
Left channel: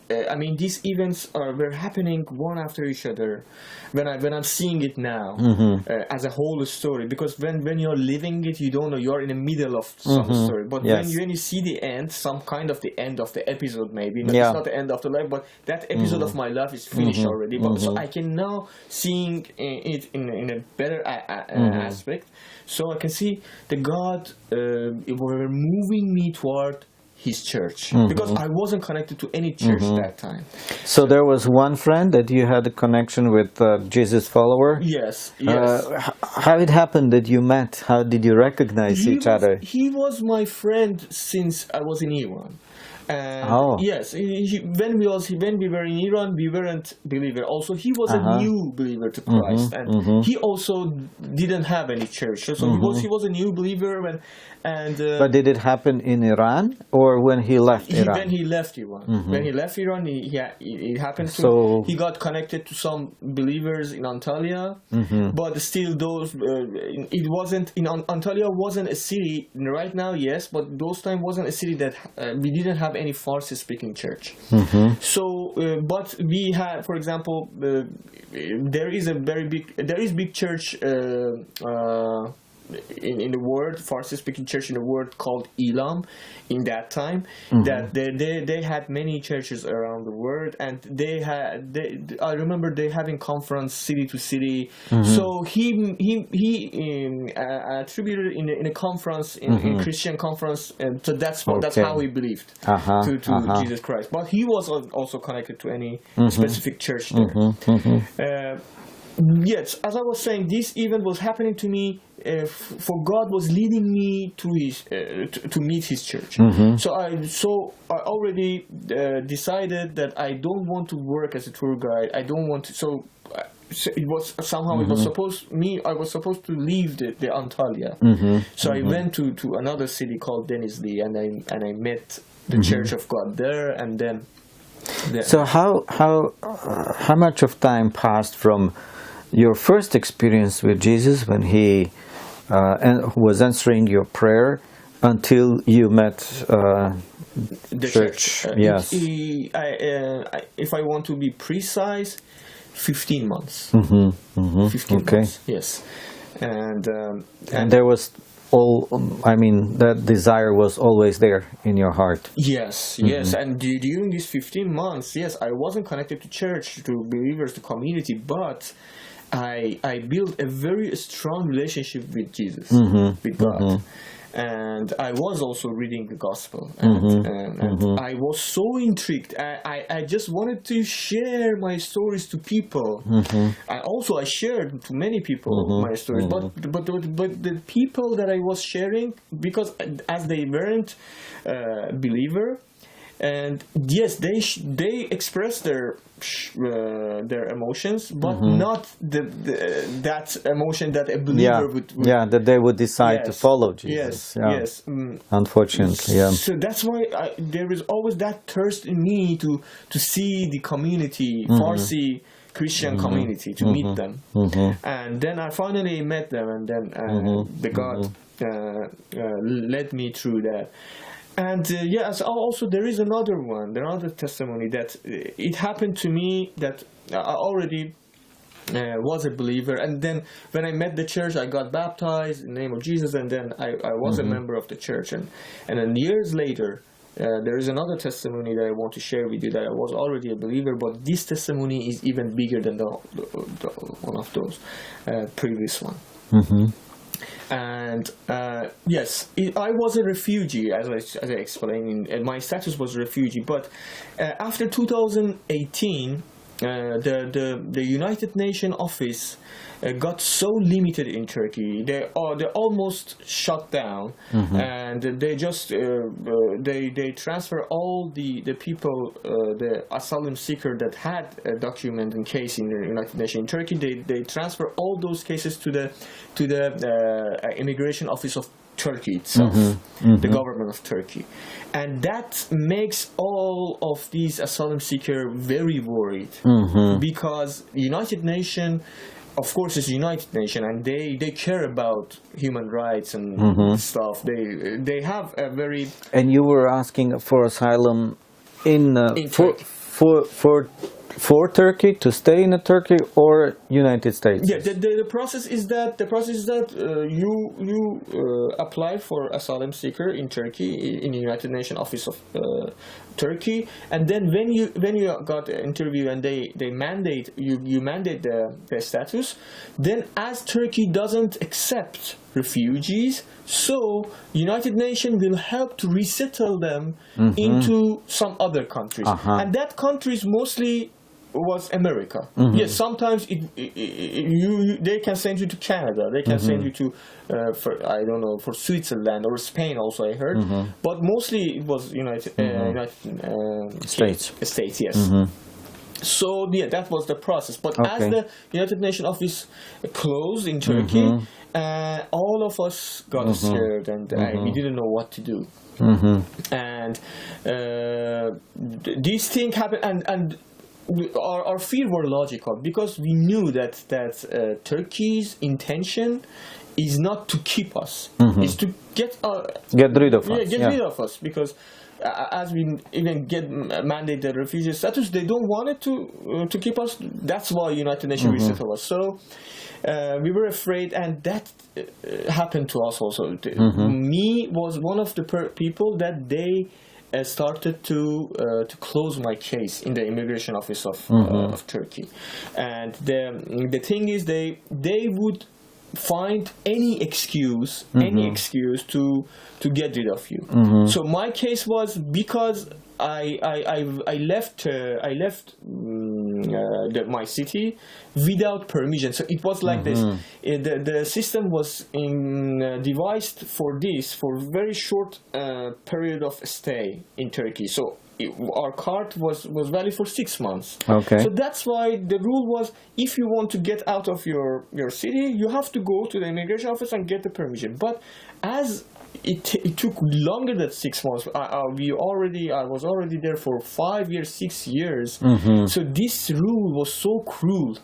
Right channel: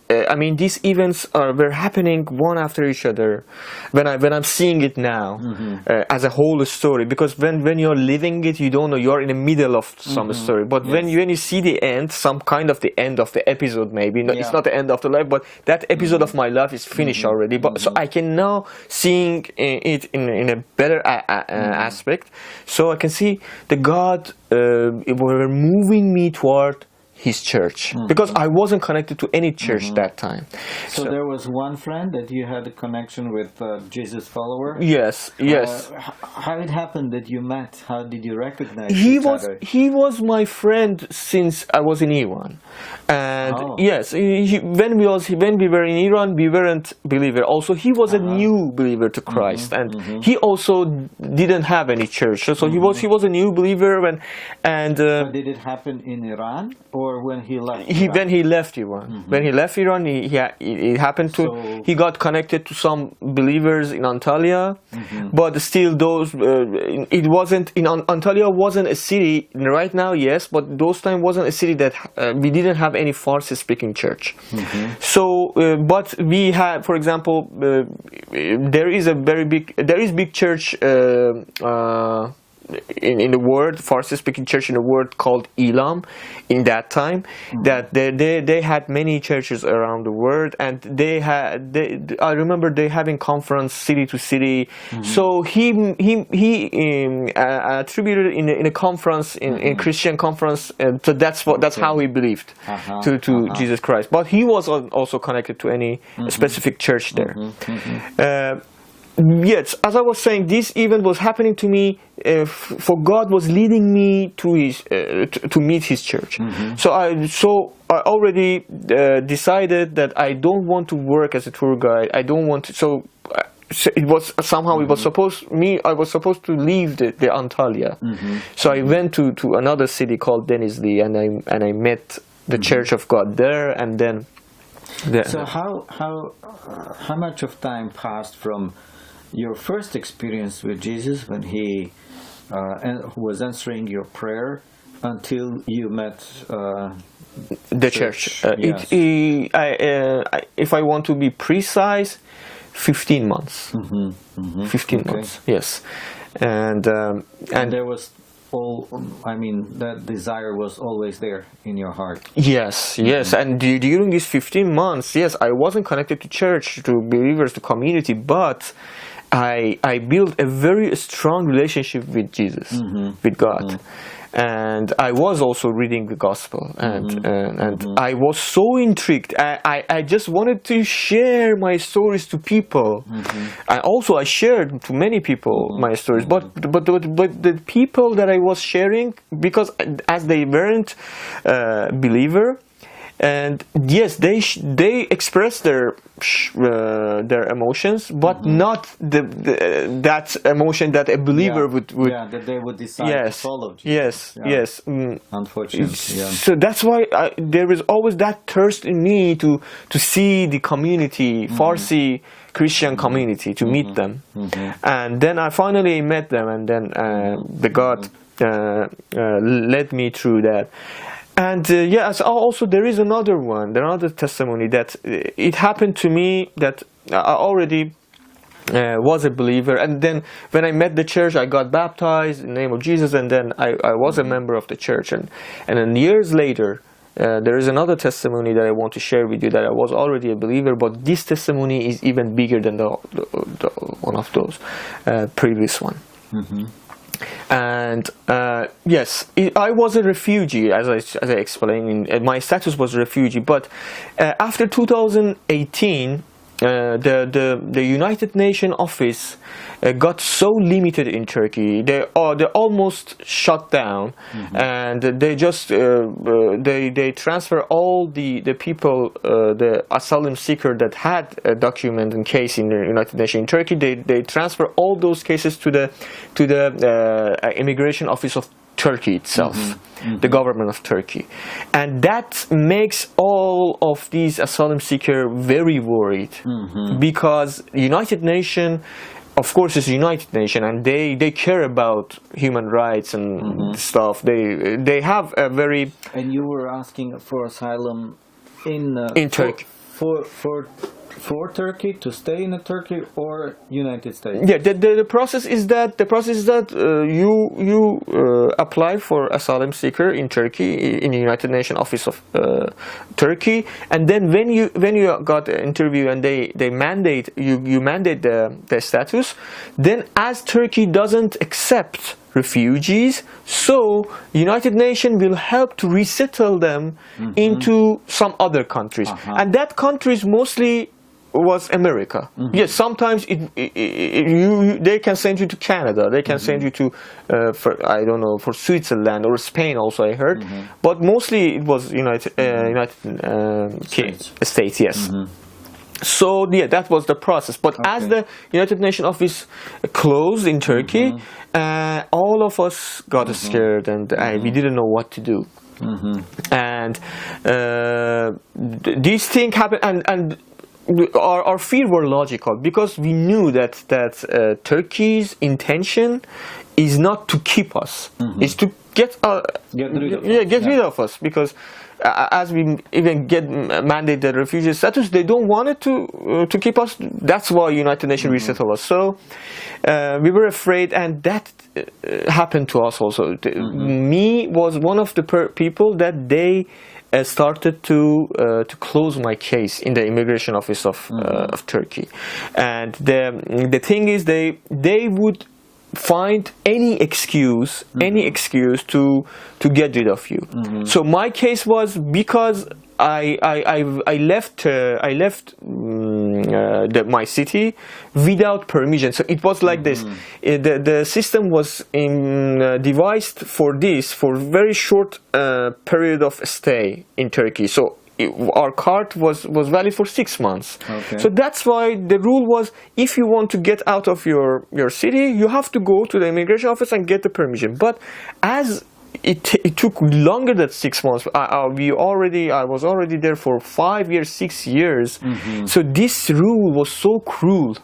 were happening one after each other. When I'm seeing it now as a whole story, because when you're living it, you don't know, you're in the middle of some story. But when you see the end, some kind of the end of the episode, maybe it's not the end of the life, but that episode of my life is finished already. But so I can now seeing it in a better aspect. So I can see the God were moving me toward His church, because I wasn't connected to any church that time. So there was one friend that you had a connection with, Jesus follower? Yes. How it happened that you met? How did you recognize each other? He was my friend since I was in Iran. And yes, when we were in Iran, we weren't believer. Also, he was a new believer to Christ, and he also didn't have any church. So he was a new believer. But did it happen in Iran or or when he left Iran? When he left Iran. When he left Iran, it happened to. So- he got connected to some believers in Antalya, but still those. It wasn't in Antalya wasn't a city right now. Yes, but those time wasn't a city that we didn't have any Farsi-speaking church. So, but we had, for example, there is big church. In the world, Farsi-speaking church in the world called Elam, in that time, that they had many churches around the world, and I remember they having conference city to city. So he attributed in a conference in Christian conference, so that's how he believed to Jesus Christ. But he was also connected to any specific church there. Yes, as I was saying, this event was happening to me, for God was leading me to his to meet His church. So I already decided that I don't want to work as a tour guide. I don't want to. So it was somehow it was I was supposed to leave the Antalya. So I went to another city called Denizli, and I met the Church of God there, and then. So how much of time passed from your first experience with Jesus when He was answering your prayer until you met the church? Yes. If I want to be precise, 15 months. 15 months. Yes, and there was that desire was always there in your heart. Yes, and during these 15 months, yes, I wasn't connected to church, to believers, to community, but I built a very strong relationship with Jesus, with God. And I was also reading the gospel, and I was so intrigued. I just wanted to share my stories to people. And also I shared to many people my stories, but the people that I was sharing, because as they weren't believer, and yes, they expressed their emotions, but not that emotion that a believer would that they would decide to follow Jesus. Yes. Unfortunately, yeah. So that's why there is always that thirst in me to see the community, Farsi Christian community, to meet them. And then I finally met them, and then the God led me through that. And yes, also there is another testimony that it happened to me, that I already was a believer, and then when I met the church, I got baptized in the name of Jesus, and then I was a member of the church, and then years later, there is another testimony that I want to share with you, that I was already a believer, but this testimony is even bigger than the one of those previous one. And yes, I was a refugee, as I explained. My status was a refugee, but after 2018, the United Nations office got so limited in Turkey. They almost shut down, and they just they transfer all the people, the asylum seeker that had a document and case in the United Nations in Turkey. They transfer all those cases to the immigration office of Turkey itself, the government of Turkey, and that makes all of these asylum seekers very worried, because United Nations, of course, is United Nations, and they care about human rights and stuff. They have a very. And you were asking for asylum in Turkey. For Turkey, to stay in Turkey or United States? Yeah, the process is that you apply for asylum seeker in Turkey, in the United Nations office of Turkey, and then when you got an interview and they mandate you mandate the status, then as Turkey doesn't accept refugees, so United Nations will help to resettle them into some other countries, and that countries mostly was America. Yes, sometimes they can send you to Canada, they can send you to for Switzerland or Spain also, I heard, but mostly it was United States. Yes. So yeah, that was the process. But as the United Nations office closed in Turkey, all of us got scared, and we didn't know what to do. And this thing happened, and our fear were logical, because we knew that Turkey's intention is not to keep us, is to get rid of us. Get rid of us, because as we even get mandated refugee status, they don't want it to keep us. That's why United Nations resettled us. So we were afraid, and that happened to us also. Me was one of the people that they started to close my case in the immigration office of Turkey. And the thing is, they would find any excuse to get rid of you. So my case was because I left my city without permission. So it was like this. The system was devised for this, for very short period of stay in Turkey. So our card was valid for 6 months. Okay. So that's why the rule was, if you want to get out of your city, you have to go to the immigration office and get the permission. But as it took longer than 6 months. I was already there for 5 years, 6 years. So this rule was so cruel.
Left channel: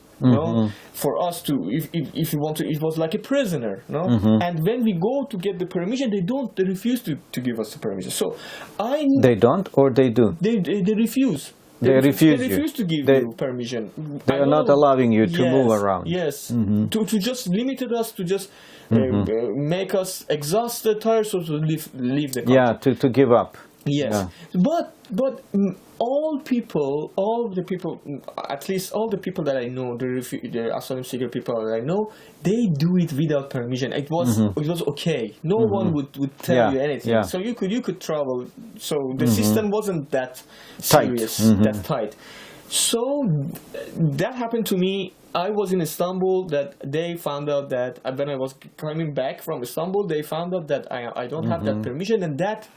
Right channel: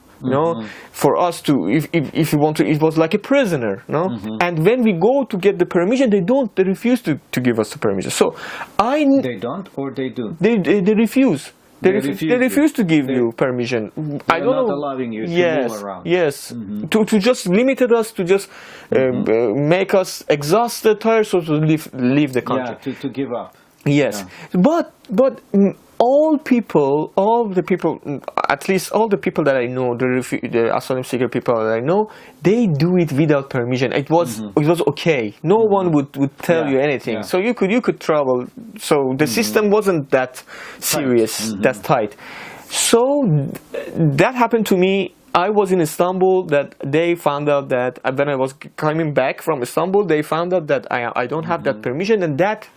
For us to, if you want to, it was like a prisoner, And when we go to get the permission, they refuse to give us the permission. So they don't, or they do. They refuse. They refuse to give you permission. They are not allowing you to move around. Yes, to just limit us, to just make us exhausted, tired, so to leave the country. Yeah, to give up. Yes, yeah. But all the people, at least all the people that I know, the asylum seeker people that I know, they do it without permission. It was okay. No one would tell you anything. Yeah. So you could travel. So the system wasn't that serious, that tight. So that happened to me. I was in Istanbul. That they found out that when I was coming back from Istanbul, they found out that I don't have that permission, and that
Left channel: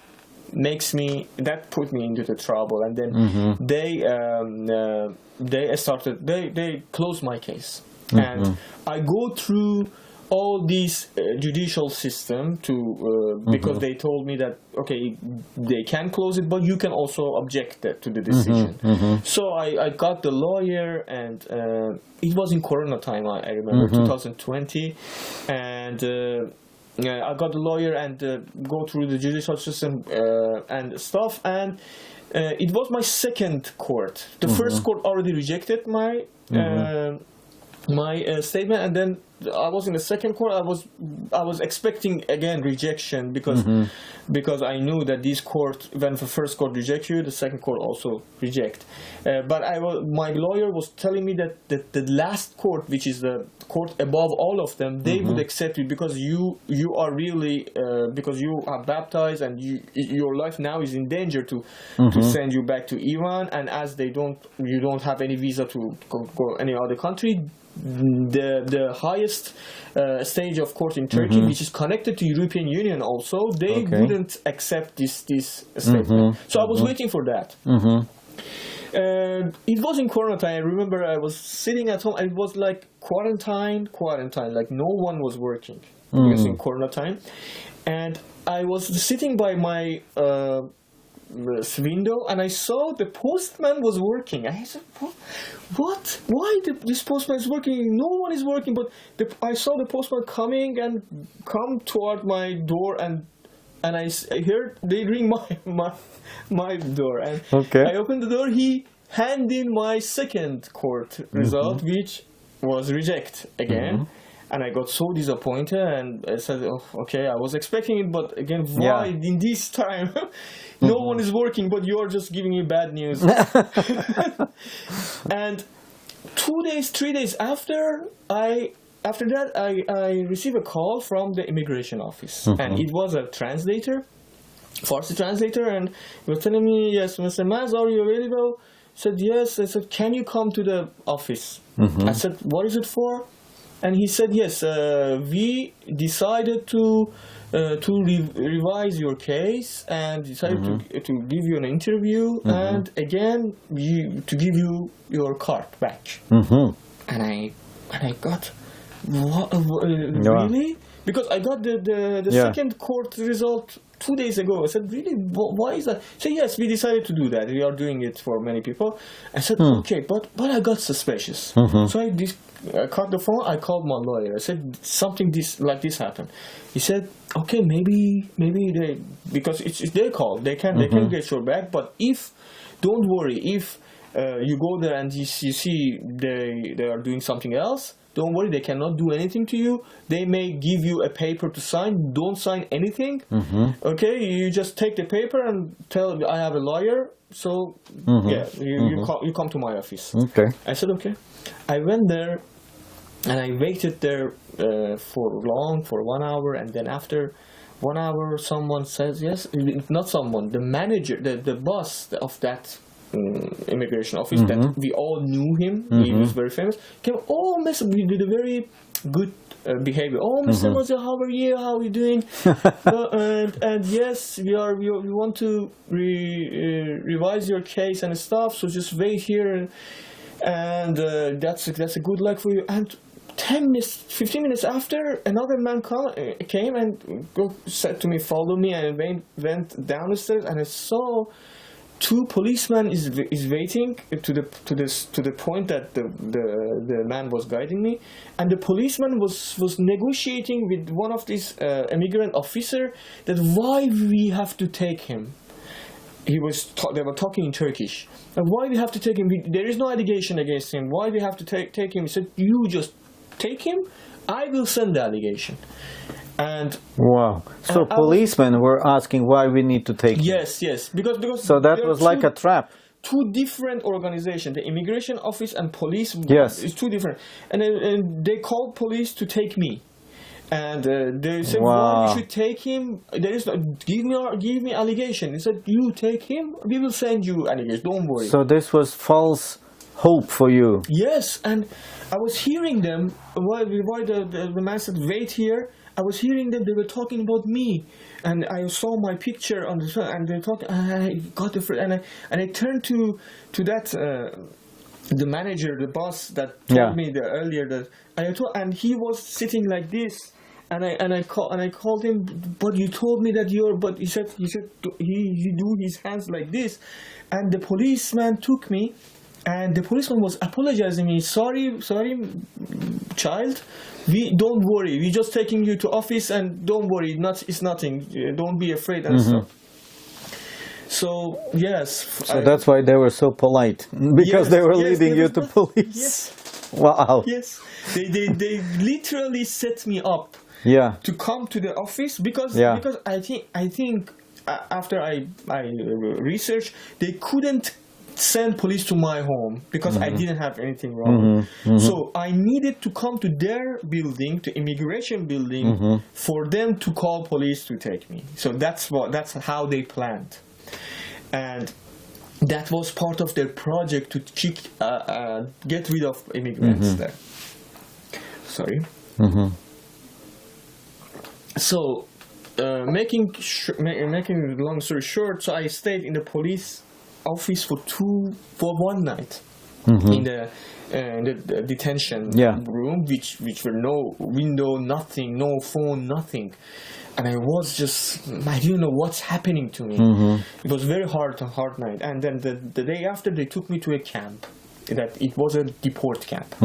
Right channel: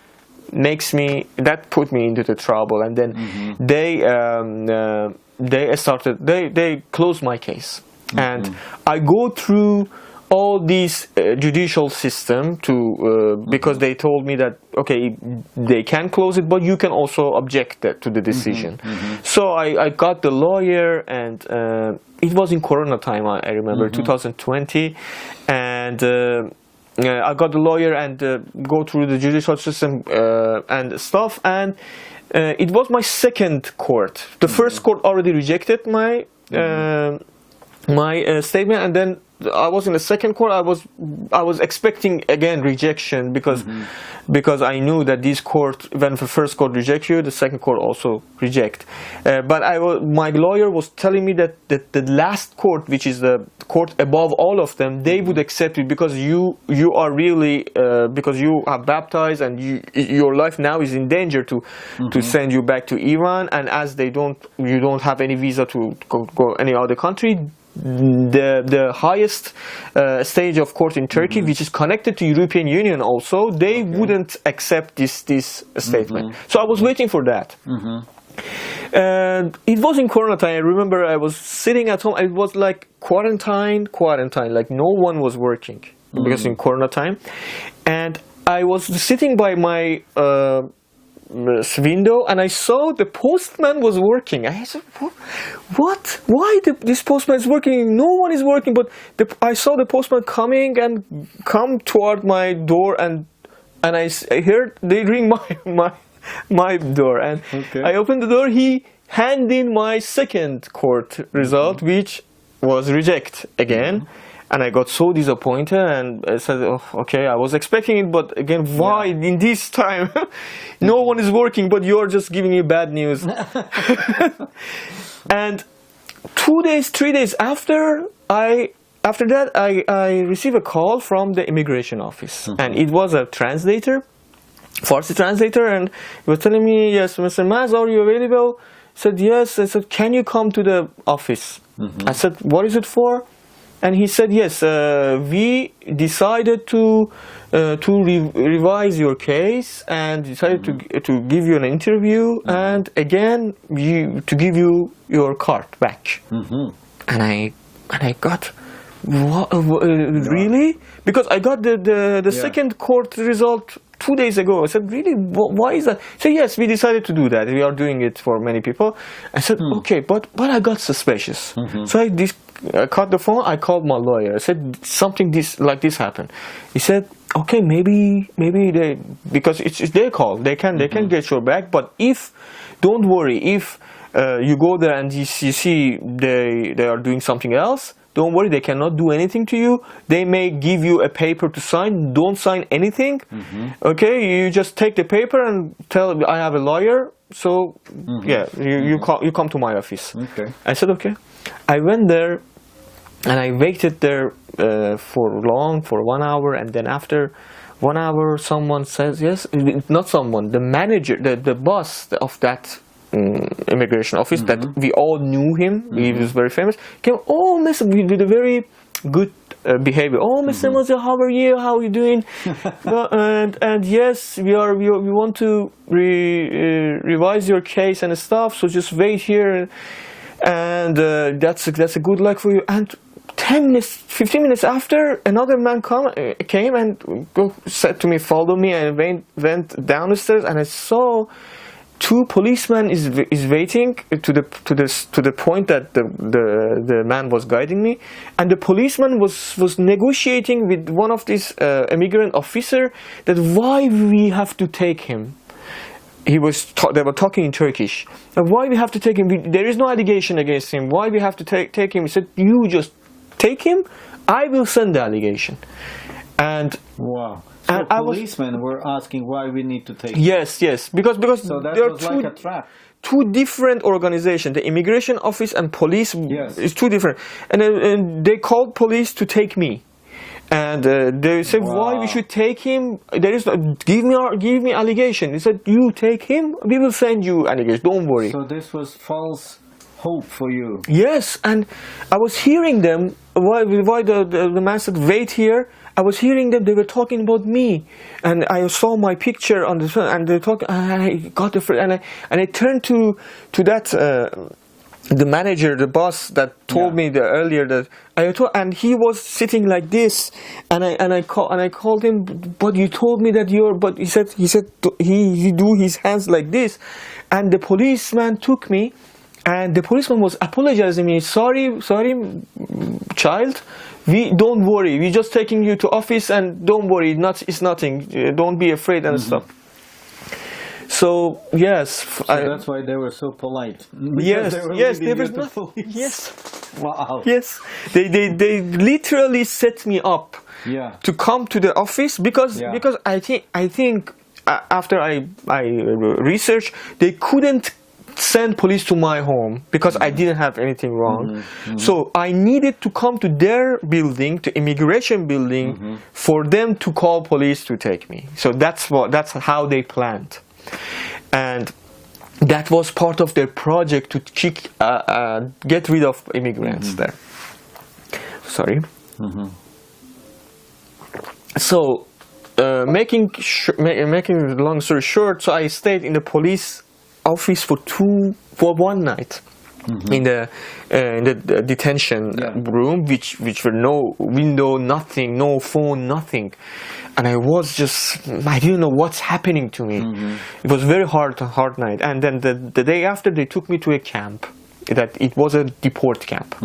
put me into the trouble. And then they closed my case, and I go through all these judicial system because they told me that okay, they can close it, but you can also object to the decision. So I got the lawyer, and it was in Corona time, I remember, 2020, and I got the lawyer and go through the judicial system and stuff, and it was my second court. The first court already rejected my statement, and then I was in the second court. I was expecting again rejection because I knew that this court, when the first court rejects you, the second court also reject. But my lawyer was telling me that the last court, which is the court above all of them, they would accept it because you are really because you are baptized and your life now is in danger to send you back to Iran, and as you don't have any visa to go any other country. The highest stage of court in Turkey, which is connected to European Union also, they wouldn't accept this statement. So I was waiting for that. It was in Corona time. I remember I was sitting at home. It was like quarantine. Like no one was working because in Corona time, and I was sitting by my window, and I saw the postman was working. I said, "What? Why this postman is working? No one is working." But I saw the postman come toward my door, and I heard they ring my door, and I opened the door. He handed in my second court result, which was reject again. And I got so disappointed, and I said, oh, okay, I was expecting it, but again, why in this time? No one is working, but you're just giving me bad news. And 2 days, 3 days after that, I received a call from the immigration office. And it was a translator, Farsi translator, and he was telling me, yes, Mr. Maz, are you available? I said, yes. I said, can you come to the office? I said, what is it for? And he said, yes, we decided to revise your case and decided to give you an interview and again to give you your card back. And I got, what, really? because I got the Yeah. second court result 2 days ago. I said, really, why is that? He said, yes, we decided to do that. We are doing it for many people. I said, okay, but I got suspicious. So I cut the phone. I called my lawyer. I said, something like this happened. He said, okay, maybe they, because it's their call. They can get your back. But don't worry, if you go there and you see they are doing something else, don't worry, they cannot do anything to you. They may give you a paper to sign. Don't sign anything. Okay, you just take the paper and tell, I have a lawyer. So yeah, you come to my office. Okay. I said, okay. I went there and I waited there for 1 hour, and then after 1 hour someone says, yes, not someone, the manager, the boss of that immigration office, that we all knew him, he was very famous, came, oh, Mr. with a very good behavior. Oh, Mr. Maziar, how are you? How are you doing? and yes, we want to revise your case and stuff. So just wait here, and that's a good luck for you. And 10 minutes, 15 minutes after, another man came and said to me, follow me, and went down the stairs, and I saw 2 policemen is waiting to the point that the man was guiding me, and the policeman was negotiating with one of these immigrant officer that why we have to take him. They were talking in Turkish. And why we have to take him? There is no allegation against him. Why we have to take him? He said, you just take him. I will send the allegation. And wow. So policemen were asking why we need to take him. Yes, because so that was like a trap. 2 different organizations, the immigration office and police. Yes, it's 2 different. And they called police to take me, and they said, why we should take him? There is no, give me allegation. He said, you take him, we will send you allegation. Don't worry. So this was false hope for you. Yes, and I was hearing them. Why the man said, wait here. I was hearing them, they were talking about me, and I saw my picture on the phone, and they talk. I got and I turned to that the manager, the boss that told me earlier that and he was sitting like this, and I called him, but you told me that but he said he do his hands like this, and the policeman took me, and the policeman was apologizing me, sorry, child. We don't worry. We're just taking you to office, and don't worry. It's nothing. Don't be afraid and stuff. So yes. So that's why they were so polite, because they were leading you to police. Yes. Wow. Yes. They literally set me up. Yeah. To come to the office because I think after I researched, they couldn't send police to my home because I didn't have anything wrong. So I needed to come to their building, to immigration building, for them to call police to take me. So that's how they planned, and that was part of their project to get rid of immigrants there. Sorry. So making a long story short, so I stayed in the police office for 1 night in the detention room, which were no window, nothing, no phone, nothing, and I didn't know what's happening to me. It was very hard night, and then the day after they took me to a camp, that it was a deport camp.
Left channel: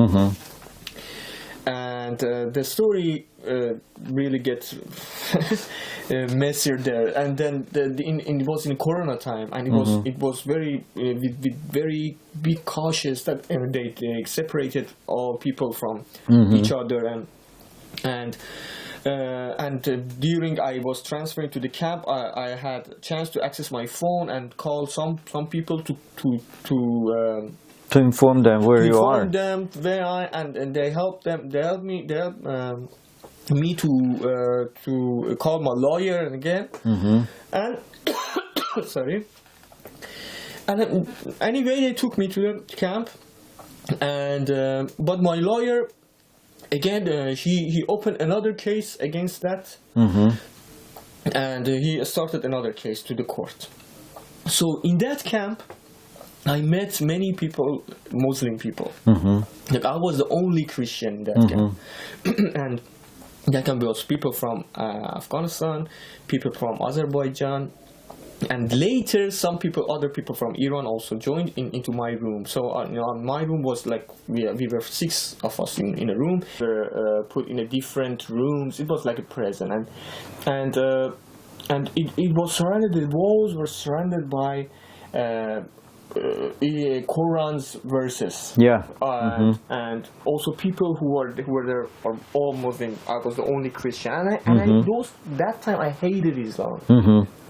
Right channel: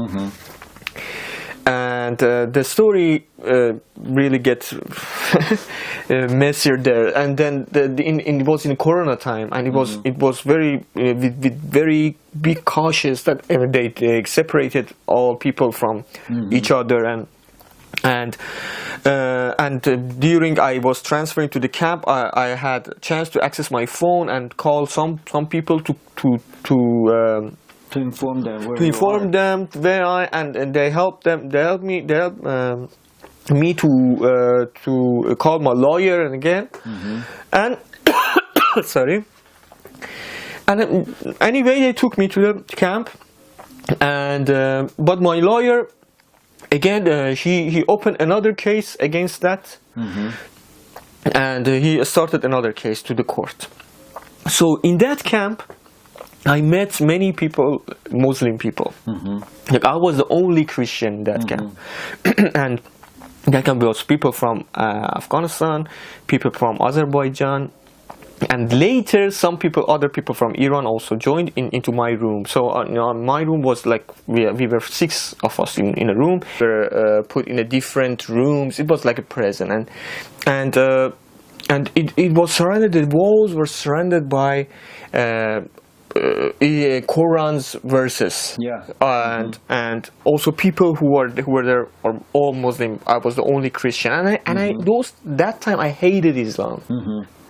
And the story really gets messier there. And then it was in Corona time, and it was very with very big cautious that they separated all people from each other, and during I was transferring to the camp, I had a chance to access my phone and call some people to inform them where you are. And they helped me to call my lawyer again. And sorry. And anyway, they took me to the camp, and but my lawyer again he opened another case against that, and he started another case to the court. So in that camp, I met many people, Muslim people. Like I was the only Christian in that camp, and That can be also people from Afghanistan, people from Azerbaijan, and later other people from Iran also joined into my room. So my room was like we were 6 of us in a room. We were put in a different rooms. It was like a prison, and it was surrounded. The walls were surrounded by Quran's verses. Yeah. And also people who were there are all Muslim. I was the only Christian, and that time I hated Islam.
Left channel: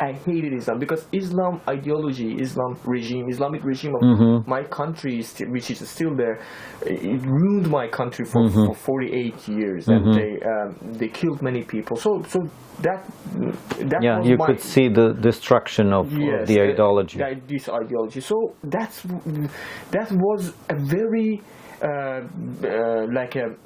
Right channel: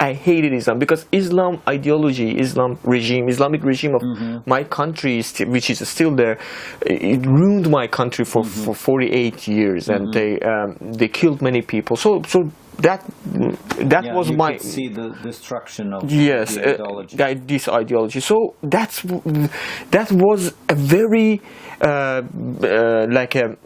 I hated Islam because Islam ideology, Islamic regime of my country, which is still there, it ruined my country for 48 years, and they killed many people. So that was you my. could see the destruction of the ideology. This ideology. So that was a very like a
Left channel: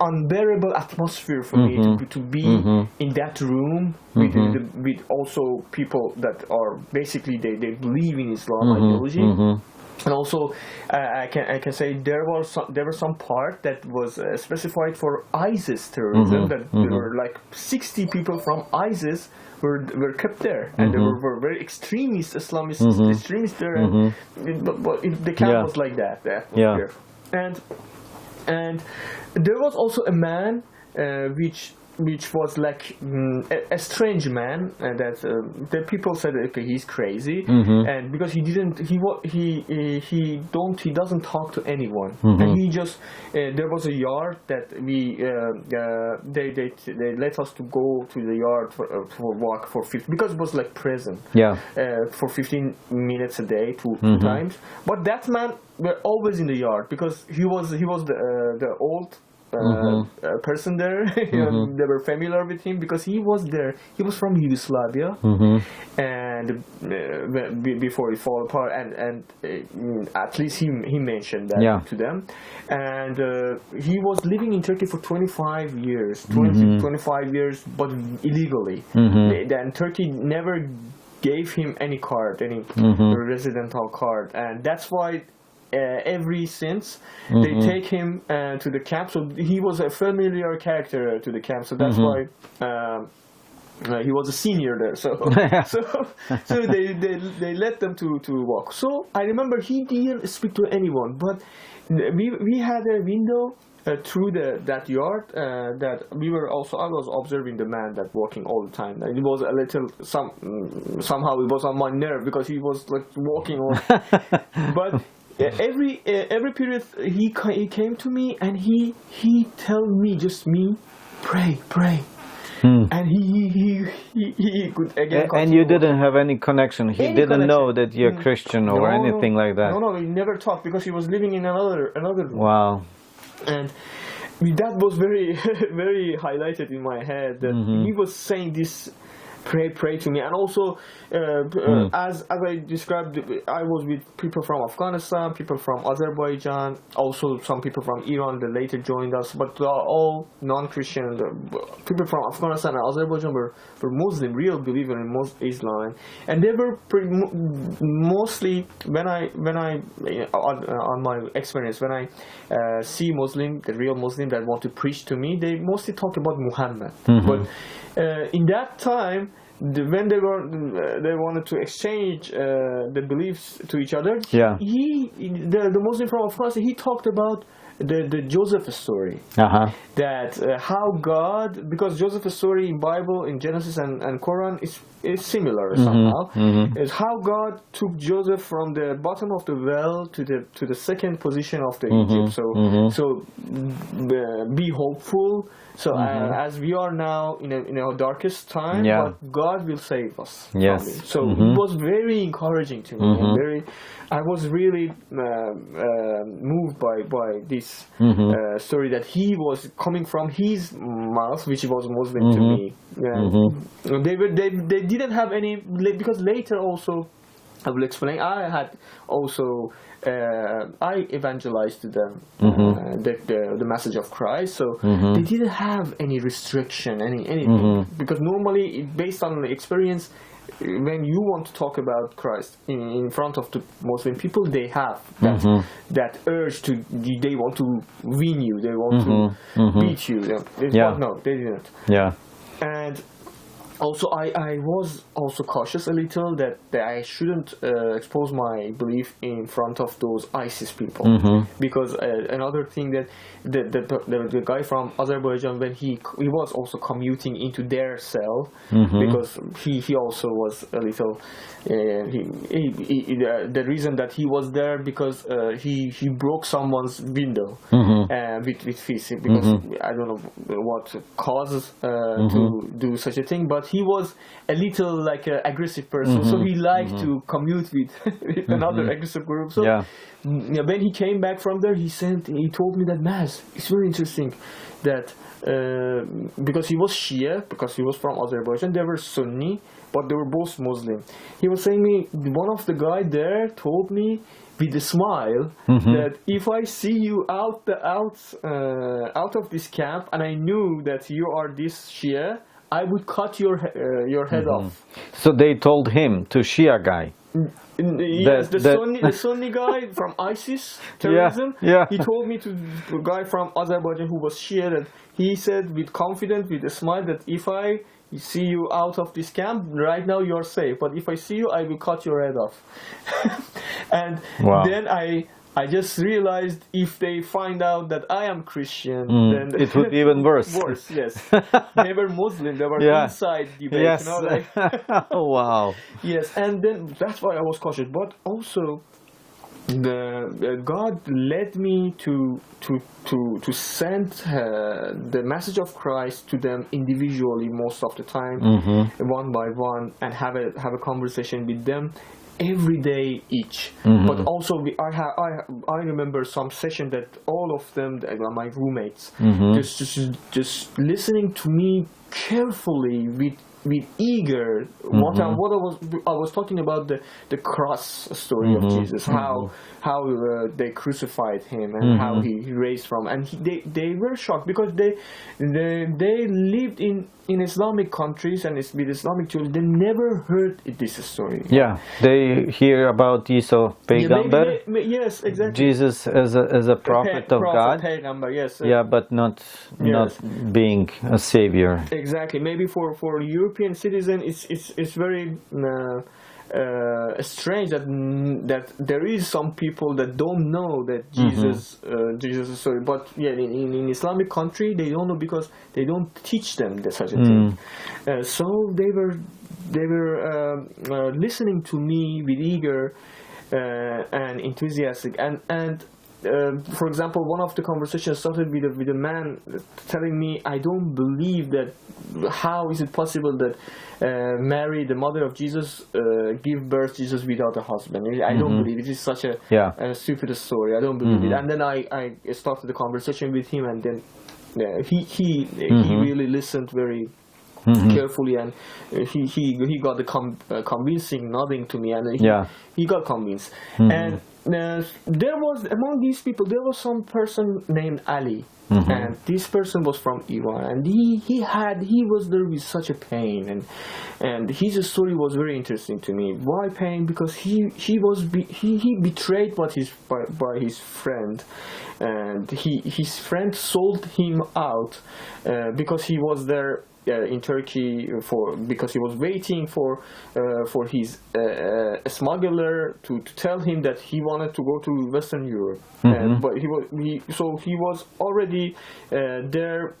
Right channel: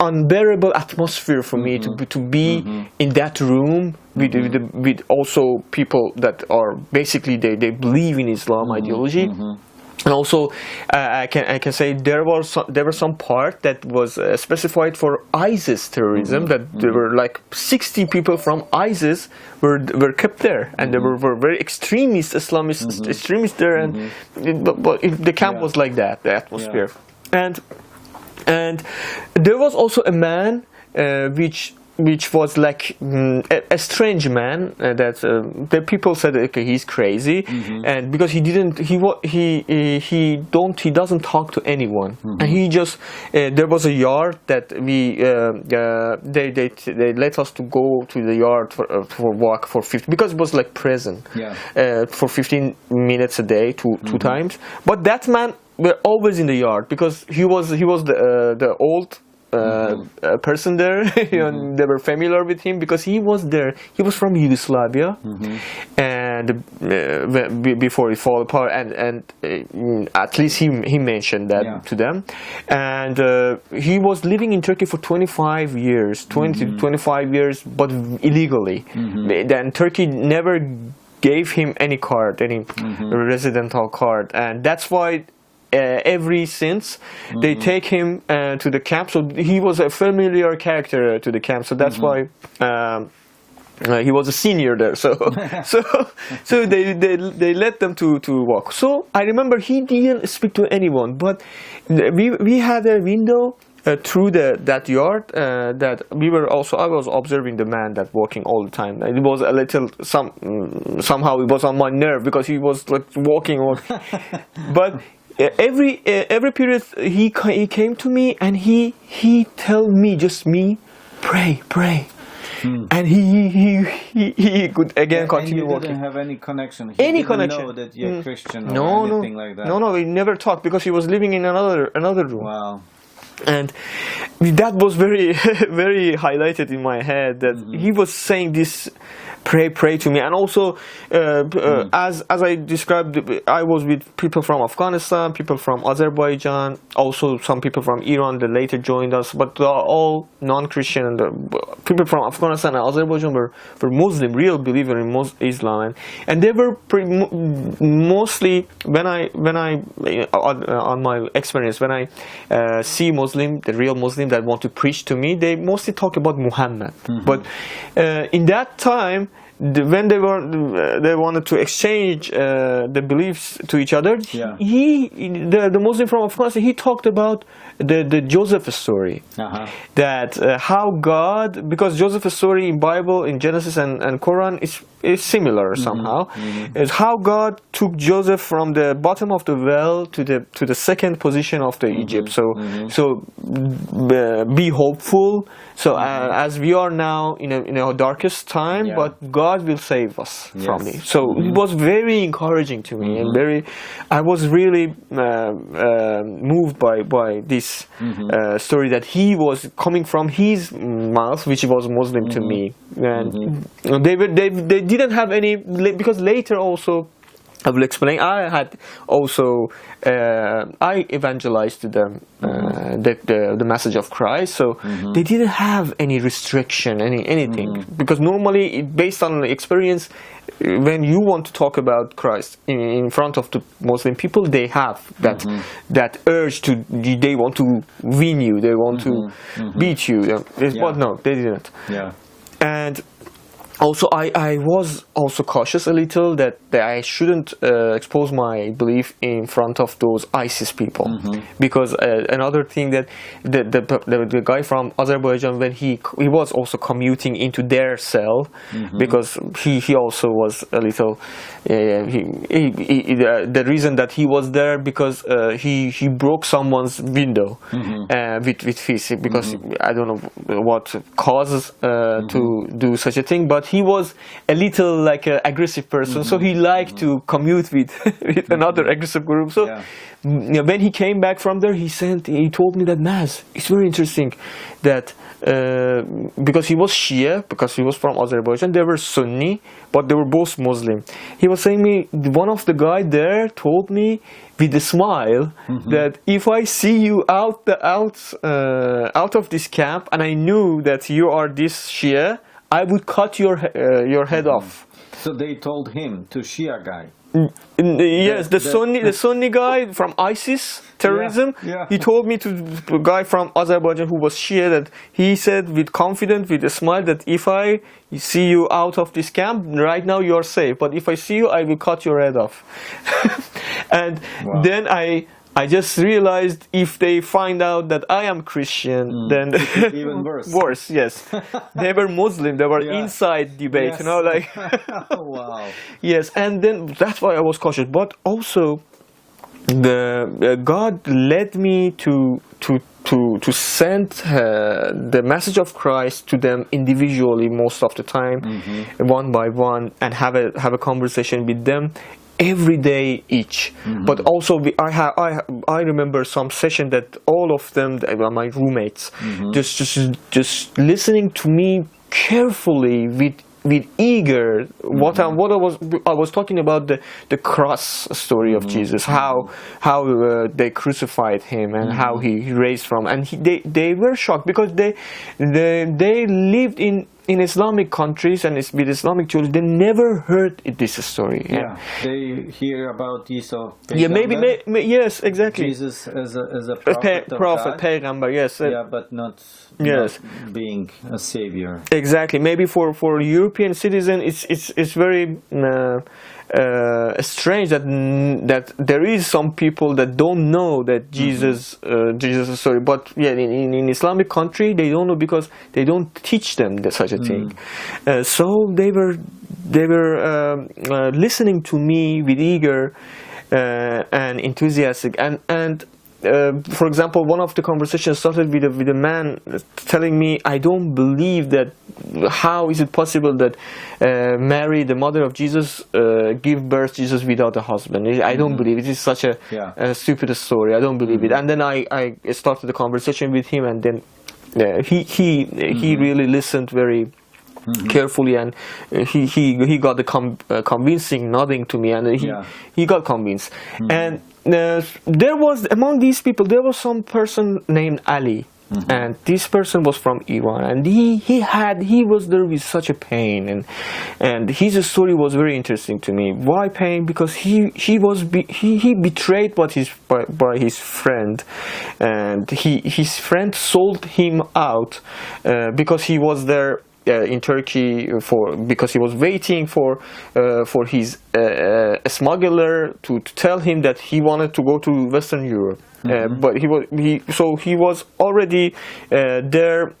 unbearable atmosphere for me to be in that room with also people that are basically they believe in Islam ideology. And also, I can say there were some part that was specified for ISIS terrorism. That there were like 60 people from ISIS were kept there, and there were very extremist Islamist extremists there, and the camp was like that, the atmosphere, and there was also a man which was like a strange man that the people said, okay, he's crazy, and because he doesn't talk to anyone, and he just there was a yard that they let us to go to the yard for walk for 15, because it was like prison, for 15 minutes a day, two times. But that man were always in the yard because he was the old person there. They were familiar with him because he was there. He was from Yugoslavia, and before it fell apart, and at least he mentioned that to them. And he was living in Turkey for 25 years, 25 years, but illegally. Then Turkey never gave him any card, any residential card, and that's why. Every since they take him to the camp, so he was a familiar character to the camp. So that's why he was a senior there. So so they let them to walk. So I remember he didn't speak to anyone, but we had a window through that yard that we were also. I was observing the man that walking all the time. It was a little somehow it was on my nerve because he was like walking on, but. Every period he came to me and he tell me, just me, pray, and he could again continue. And you didn't walking. have any connection. He didn't know that you're Christian or anything like that. No, we never talked because he was living in another room. Wow. And that was very very highlighted in my head that he was saying this. Pray to me, and also as I described, I was with people from Afghanistan, people from Azerbaijan, also some people from Iran that later joined us, but they are all non-Christian. And people from Afghanistan and Azerbaijan were Muslim, real believer in Islam, and they were mostly when I on my experience when I see Muslim, the real Muslim that want to preach to me, they mostly talk about Muhammad, but in that time. When they wanted to exchange the beliefs to each other, the Muslim from Afghanistan, he talked about the Joseph story, that how God, because Joseph's story in Bible, in Genesis and Quran is similar somehow, is how God took Joseph from the bottom of the well to the second position of the Egypt. So be hopeful. So as we are now in a darkest time, but God will save us from it. So it was very encouraging to me, and I was really moved by this story that he was coming from his mouth, which was Muslim to me. And they didn't have any, because later also I will explain. I had also I evangelized to them the message of Christ, so they didn't have any restriction, anything, because normally, based on the experience, when you want to talk about Christ in front of the Muslim people, they have that urge to, they want to win you, they want to beat you. But no, they didn't. Yeah. And also, I was also cautious a little that I shouldn't expose my belief in front of those ISIS people, because another thing that the guy from Azerbaijan, when he was also commuting into their cell, because he also was a little the reason that he was there because he broke someone's window with fist, because I don't know what causes to do such a thing, but he was a little like an aggressive person, so he liked to commute with another aggressive group. So when he came back from there, he told me that, Maz, it's very interesting that because he was Shia, because he was from Azerbaijan, they were Sunni, but they were both Muslim. He was saying me, one of the guy there told me with a smile that if I see you out of this camp and I knew that you are this Shia, I would cut your head off. So they told him, to Shia guy. Yes, the Sunni guy from ISIS terrorism. Yeah. He told me to a guy from Azerbaijan who was Shia that he said with confidence, with a smile, that if I see you out of this camp right now, you're safe. But if I see you, I will cut your head off. And then I just realized if they find out that I am Christian, then it would be even worse. Worse, yes. They were Muslim. They were inside debate, yes. you know, like. Oh, wow. Yes, and then that's why I was cautious. But also, God led me to send the message of Christ to them individually most of the time, one by one, and have a conversation with them every day each. But also I remember some session that all of them, they were my roommates, just listening to me carefully with eager what I was talking about, the cross story of Jesus, how they crucified him and how he raised from, and they were shocked because they lived in Islamic countries and with Islamic children. They never heard this story. Yeah, they hear about Isa Peygamber. Yes, exactly. Jesus as a prophet of God. Peygamber, yes. But not being a savior. Exactly. Maybe for European citizen, it's very strange that there is some people that don't know that Jesus is sorry. But in Islamic country they don't know because they don't teach them such a thing. So they were listening to me with eager and enthusiastic, and for example, one of the conversations started with a man telling me, I don't believe that. How is it possible that Mary, the mother of Jesus, give birth to Jesus without a husband? I don't believe it. It is such a stupid story. I don't believe it. And then I started the conversation with him, and then he really listened very carefully, and he got the convincing nodding to me, and he got convinced. And there was, among these people, there was some person named Ali. And this person was from Iran, and he was there with such a pain, and his story was very interesting to me. Why pain? Because he betrayed by his friend, and his friend sold him out because he was there in Turkey because he was waiting for his smuggler to tell him that he wanted to go to Western Europe. But he was already there.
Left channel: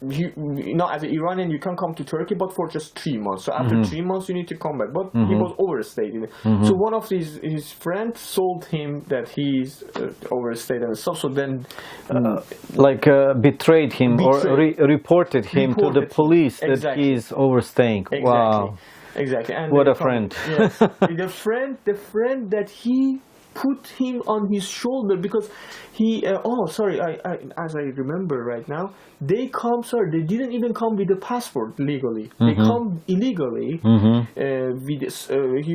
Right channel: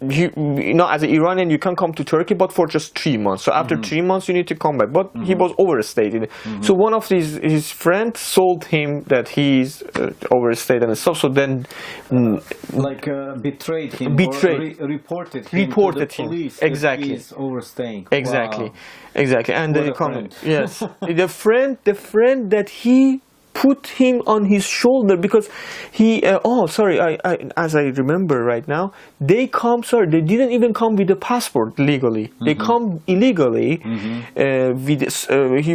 As an Iranian, you can come to Turkey, but for just 3 months. So after 3 months, you need to come back. But he was overstayed. So one of his friends sold him that he's overstayed and stuff. So then, betrayed him or reported him to the police that he's overstaying. Exactly, wow. exactly. And what a friend! Yes, the friend that he put him on his shoulder because he. As I remember right now, they didn't even come with a passport legally. They come illegally. He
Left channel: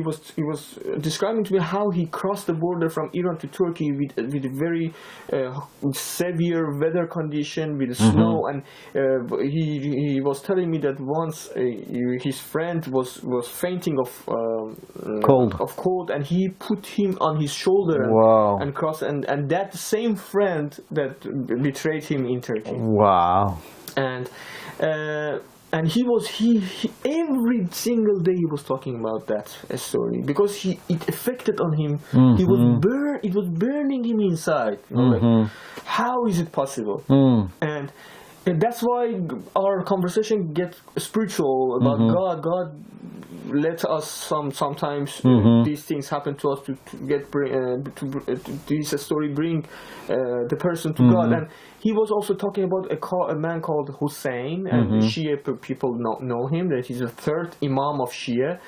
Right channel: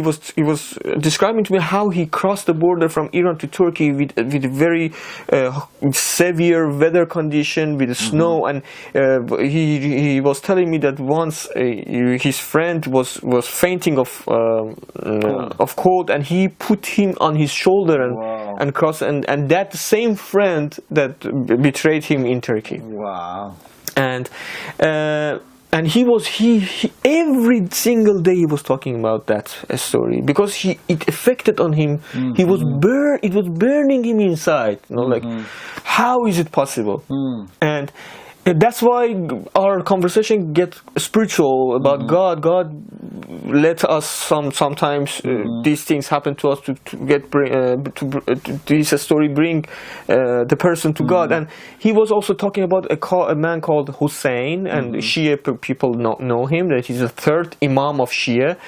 was describing to me how he crossed the border from Iran to Turkey with very severe weather condition with snow, and he was telling me that once his friend was fainting of cold, and he put him on his shoulder and crossed, and that same friend that betrayed him in Turkey. Wow. And he every single day he was talking about that story because it affected on him. It was burning him inside. Like, how is it possible? And that's why our conversation gets spiritual about God. God let us sometimes these things happen to us to this story bring the person to God. And he was also talking about a man called Hussein, and Shia people know him. That he's the third Imam of Shia,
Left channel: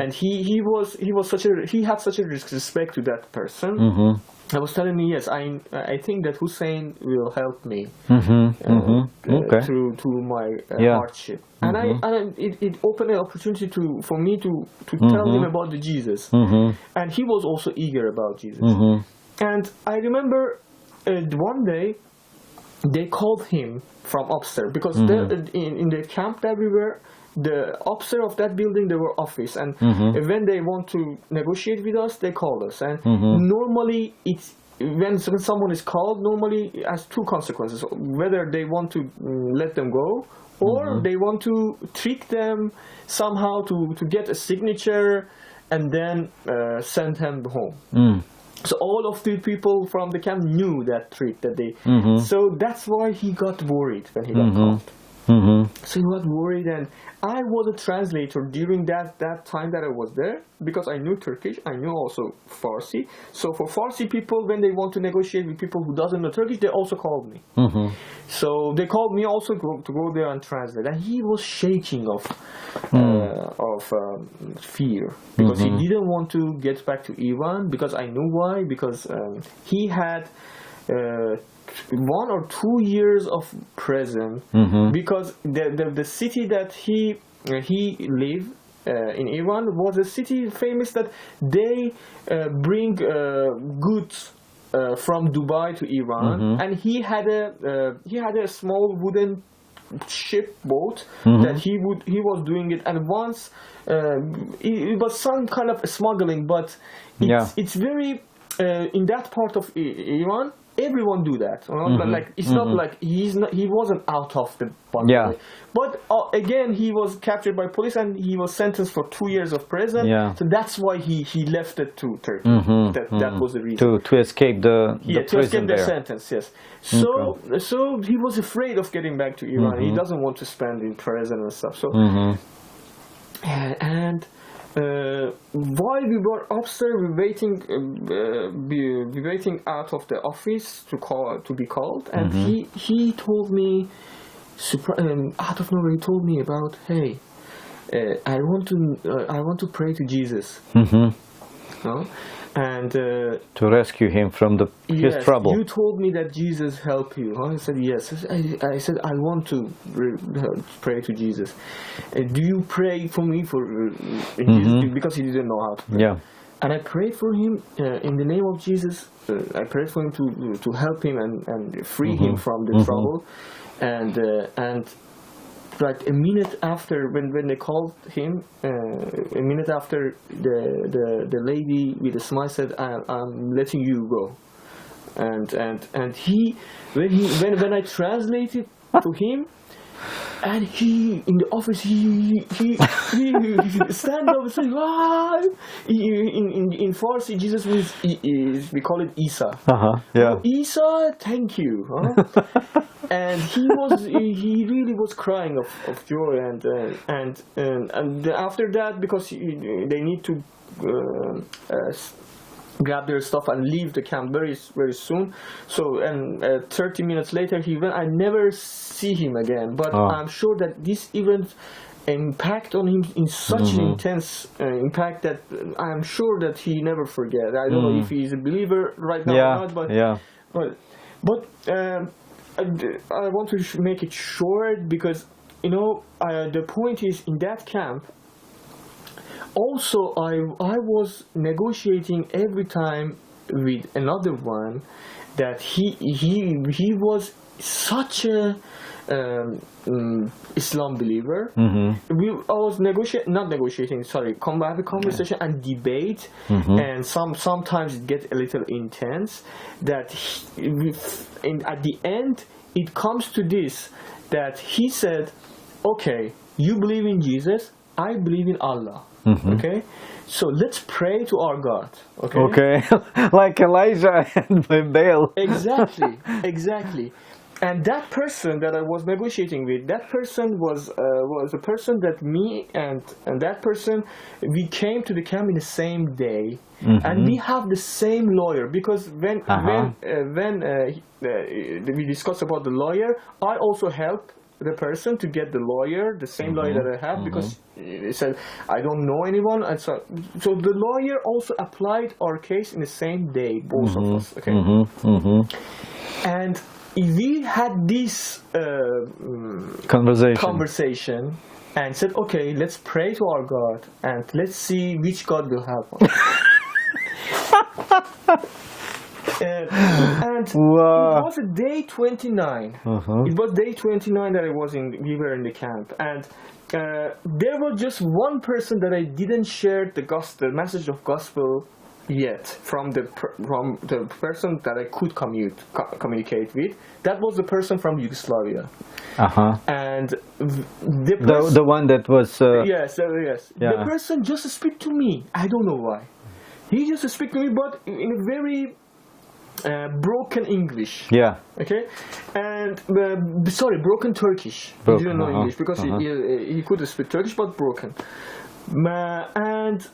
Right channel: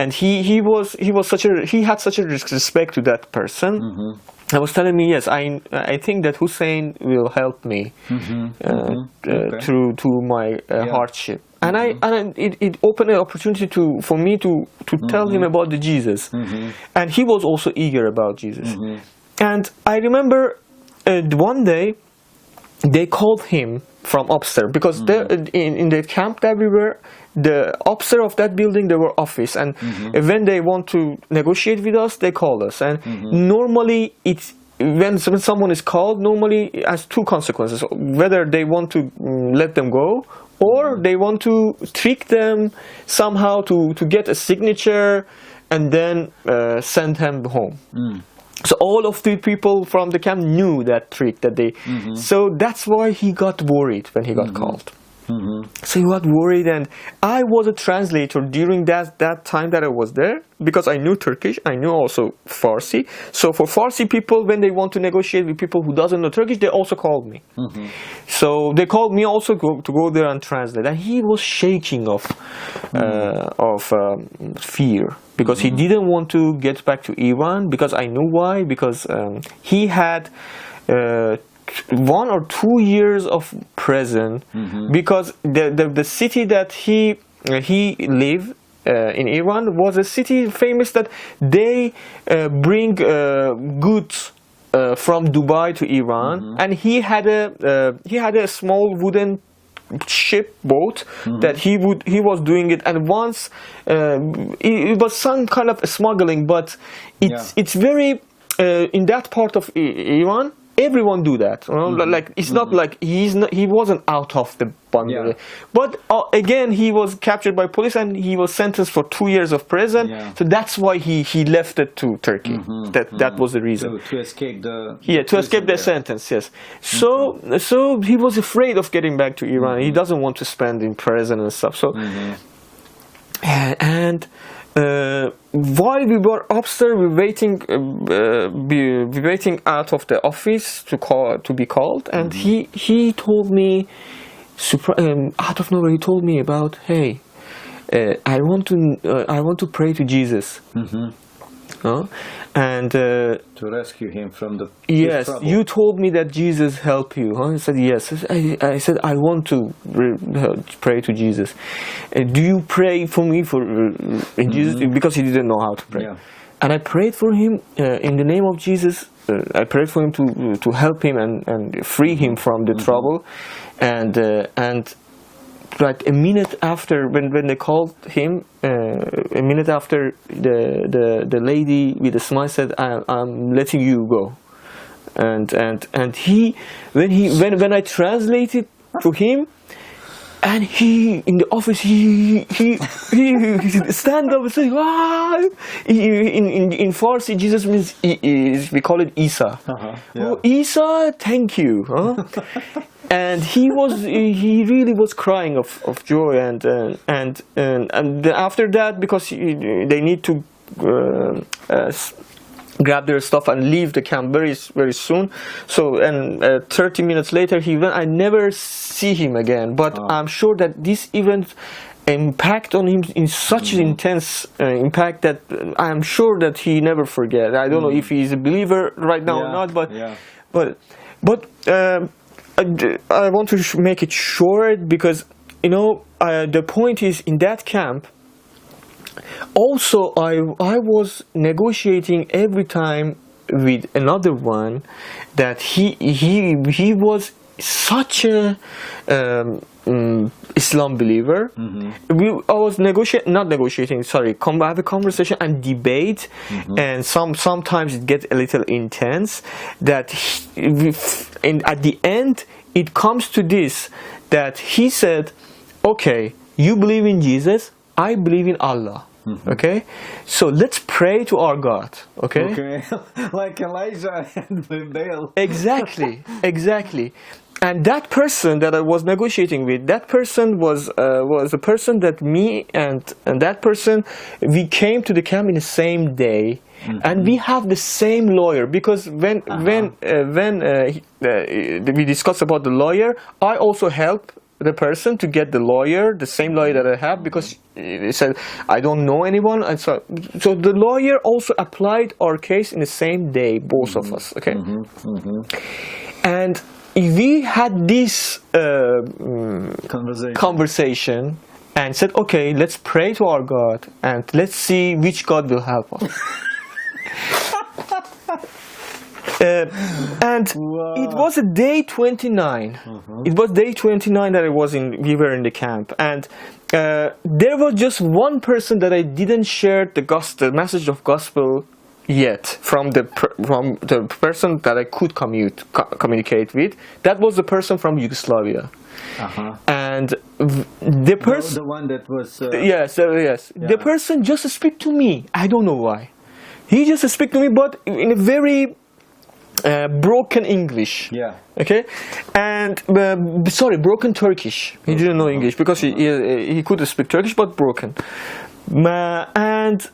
and he had such a respect to that person. I was telling me, yes, I think that Hussein will help me through my hardship, and it opened an opportunity for me to tell him about the Jesus, and he was also eager about Jesus. And I remember one day they called him from upstairs because in the camp that we were. The upstairs of that building, there were office, and when they want to negotiate with us, they call us. And normally, when someone is called, normally it has two consequences: whether they want to let them go, or they want to trick them somehow to get a signature, and then send him home. So all of the people from the camp knew that trick that they. So that's why he got worried when he got called. So he got worried, and I was a translator during that time that I was there because I knew Turkish, I knew also Farsi. So for Farsi people, when they want to negotiate with people who doesn't know Turkish, they also called me. So they called me also to go there and translate, and he was shaking of fear because he didn't want to get back to Iran, because I knew why, because he had 1 or 2 years of prison because the city that he lived in Iran was a city famous that they bring goods from Dubai to Iran, and he had a small wooden boat that he was doing it, and once it was some kind of smuggling, but it's very in that part of Iran. Everyone do that, like it's not like he wasn't out of the bundle. But again, he was captured by police and he was sentenced for 2 years of prison. So that's why he left it to Turkey. That was the reason to escape the to escape the sentence. Yes. So he was afraid of getting back to Iran. He doesn't want to spend in prison and stuff. So and. While we were upstairs, we waiting out of the office to be called, and he told me, out of nowhere, he told me about, hey, I want to pray to Jesus, and to rescue him from his trouble. You told me that Jesus helped you. I said yes. I said I want to pray to Jesus. Do you pray for me Jesus? Because he didn't know how to pray. And I prayed for him in the name of Jesus. I prayed for him to help him and free him from the trouble. And like a minute after, when they called him, a minute after, the lady with a smile said, "I'm letting you go," and he when I translated to him, and he in the office he stand up and say, "Ah!" In Farsi, Jesus means we call it Isa. Oh, Isa, thank you. And he really was crying of joy, and after that, because they need to grab their stuff and leave the camp very soon. So 30 minutes later he went. I never see him again, but I'm sure that this event impact on him in such an intense impact that I'm sure that he never forget. I don't know if he's a believer right now or not, but I want to make it short because the point is in that camp. Also, I was negotiating every time with another one that he was such a Islam believer. I was have a conversation and debate, and sometimes it gets a little intense. That at the end it comes to this, that he said, "Okay, you believe in Jesus, I believe in Allah. Okay, so let's pray to our God." Okay, like Elijah and Baal. Exactly. And that person that I was negotiating with, that person was a person that me and that person, we came to the camp in the same day, and we have the same lawyer, because when we discussed about the lawyer, I also helped the person to get the lawyer, the same lawyer that I have, because he said I don't know anyone, and so the lawyer also applied our case in the same day, both of us. Okay, and we had this conversation and said, okay, let's pray to our God and let's see which God will help us. And it was a day 29. It was day 29 that we were in the camp, and there was just one person that I didn't share the message of gospel yet from the person that I could communicate with. That was the person from Yugoslavia. And the person, the one that was yes. The person just speak to me. I don't know why. He just speak to me, but in a very broken English. Okay, and broken Turkish. He didn't know English because he could speak Turkish, but broken. And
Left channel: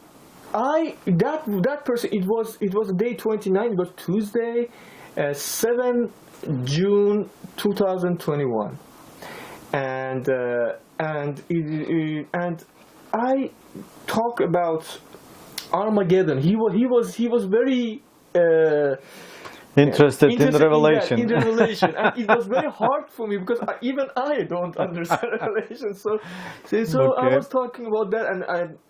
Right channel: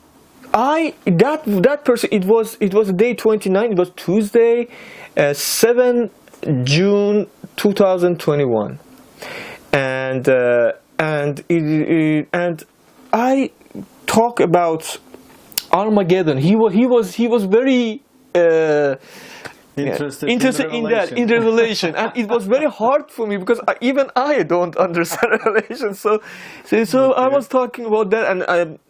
that person, it was day 29. It was Tuesday, 7 June 2021, and I talk about Armageddon. He was very interested in Revelation. In Revelation, and it was very hard for me because even I don't understand Revelation. So I was talking about that,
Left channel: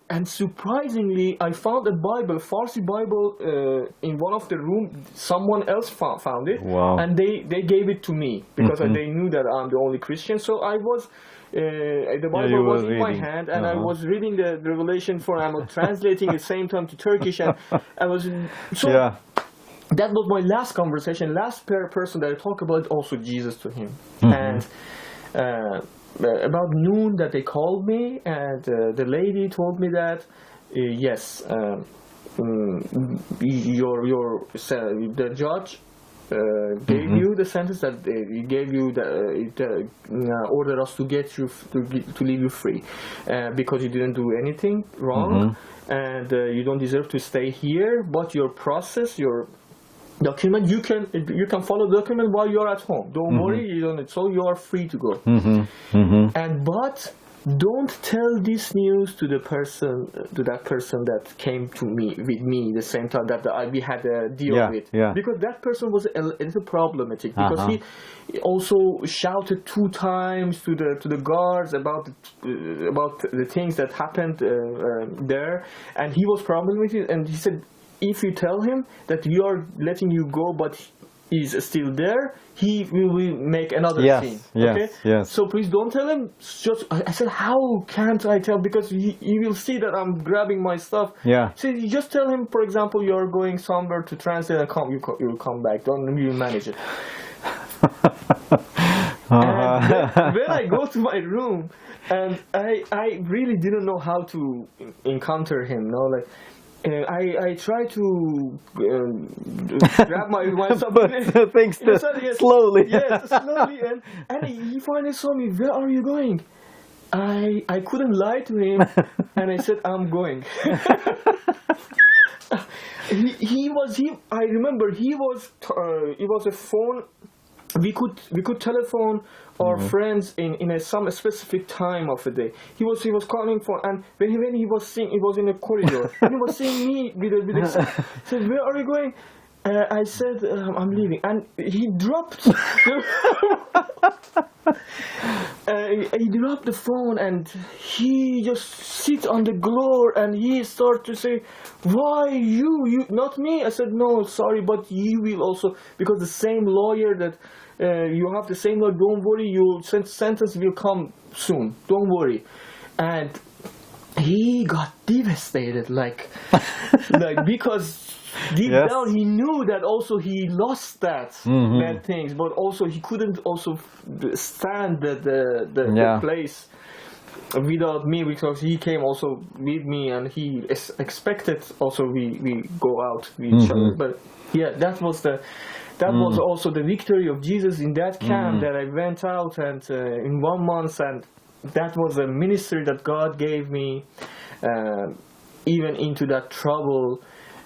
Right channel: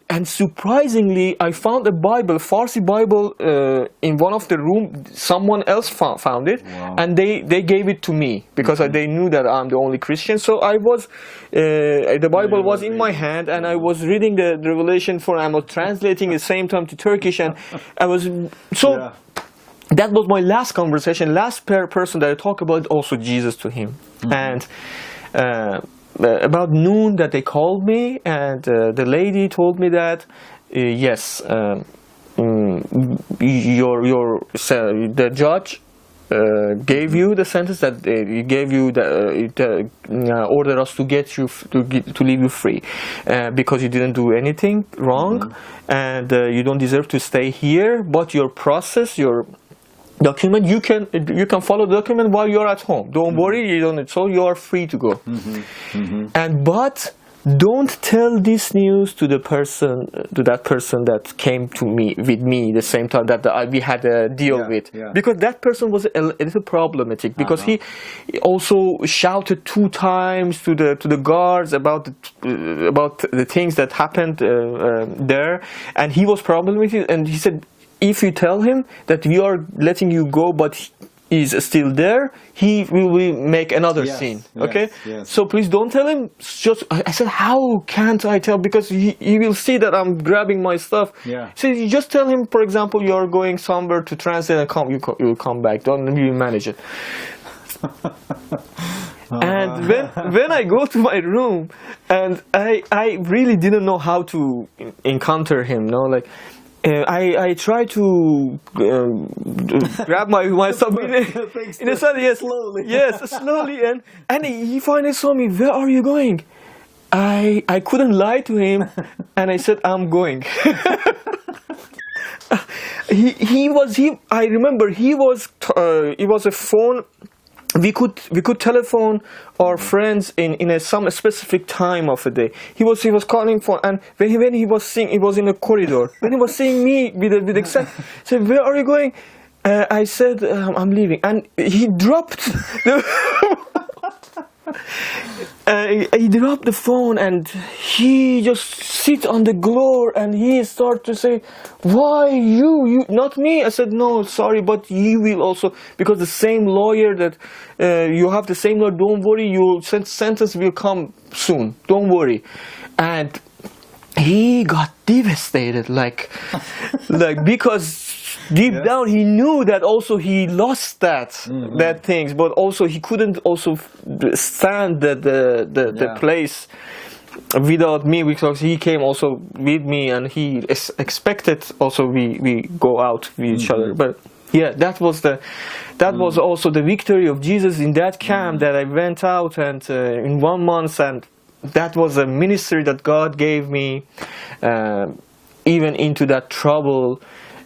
and surprisingly, I found a Bible, Farsi Bible, in one of the room. Someone else found it, and they gave it to me because they knew that I'm the only Christian. So I was, the Bible was in my hand, and I was reading the Revelation I was translating at the same time to Turkish, and I was so. That was my last conversation, last person that I talked about, also Jesus to him. And about noon that they called me, and the lady told me that, yes, the judge gave you the sentence, that he gave you ordered us to get you to leave you free because you didn't do anything wrong, and you don't deserve to stay here, but your process, your document, you can follow the document while you're at home. Don't worry, you don't. So you are free to go. But don't tell this news to that person that came to me with me the same time that we had a deal with, because that person was a little problematic, because he also shouted 2 times to the guards about the things that happened there, and he was problematic, and he said, if you tell him that we are letting you go, but he's still there, he will make another scene. Okay? So please don't tell him. I said, how can't I tell? Because he will see that I'm grabbing my stuff. So you just tell him, for example, you are going somewhere to translate, and you will come back. Don't you manage it. And when I go to my room, and I really didn't know how to encounter him. I try to grab my stuff, things slowly. Yes, slowly, and he finally saw me. Where are you going? I couldn't lie to him, and I said, I'm going. I remember it was a phone we could telephone our friends in some specific time of the day. He was calling for, and when he was seeing, it was in a corridor. When he was seeing me with excitement, he said, "Where are you going?" I said, "I'm leaving," and he dropped the he dropped the phone, and he just sits on the floor, and he started to say, "Why you not me?" I said, "No, sorry, but you will also, because the same lawyer that you have the same lawyer. Don't worry, your sentence will come soon. Don't worry." And he got devastated, like because deep down he knew that also he lost that things, but also he couldn't also stand the place without me, because he came also with me, and he expected also we go out with each other. But yeah, that was also the victory of Jesus in that camp, that I went out and in 1 month, and that was a ministry that God gave me, even into that trouble.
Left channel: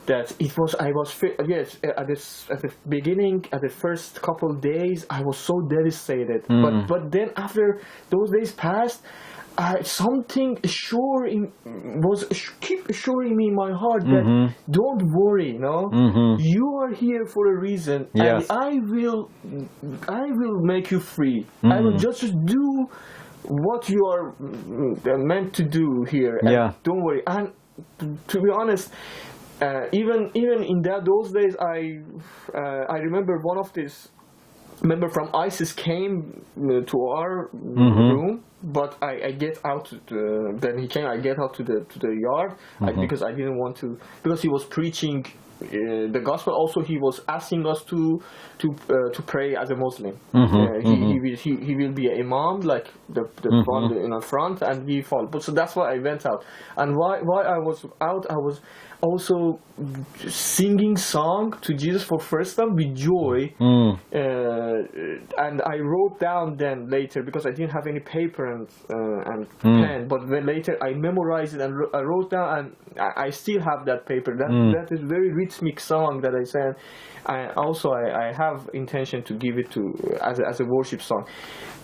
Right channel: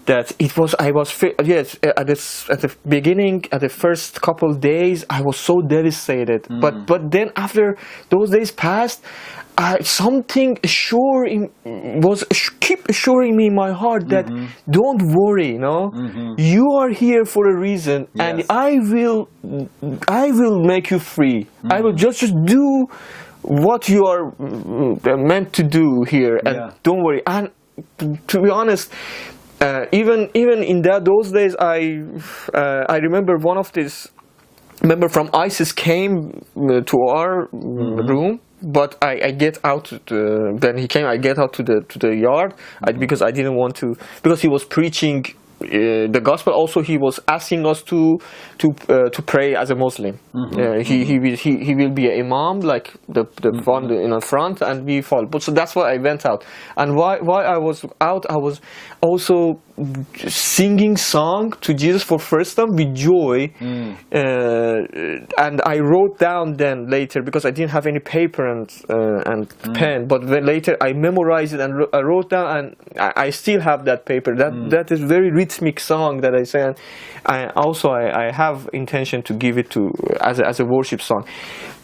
That it was, I was, yes, at the beginning, at the first couple of days, I was so devastated. But then after those days passed, something keep assuring me in my heart that don't worry, you are here for a reason, and I will make you free. I will just do what you are meant to do here, and don't worry. And to be honest, even in those days, I remember one of these member from ISIS came to our room, but I get out. Then he came. I get out to the yard because I didn't want to, because he was preaching the gospel. Also, he was asking us to pray as a Muslim. He will be an imam, like the front in the front, and we follow. But so that's why I went out. And why I was out, I was also singing song to Jesus for first time with joy, and I wrote down then later, because I didn't have any paper and pen, but then later I memorized it and I wrote down, and I still have that paper. That is very rhythmic song that I sang. I have intention to give it to as a worship song.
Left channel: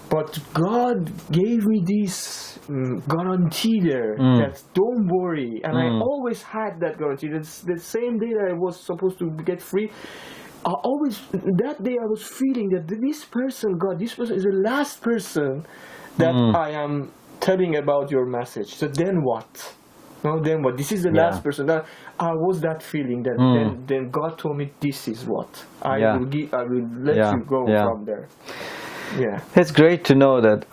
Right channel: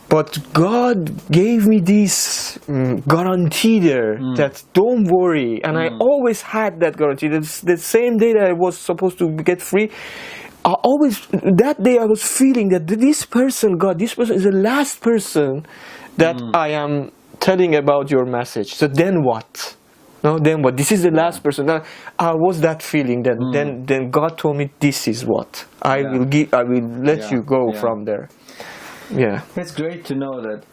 But God gave me this guarantee there that don't worry, and I always had that guarantee. The same day that I was supposed to get free, that day I was feeling that this person is the last person that I am telling about your message. So then what? No, then what? This is the last person. Now, I was that feeling that then God told me, this is what I will let you go from there. Yeah, it's great to know that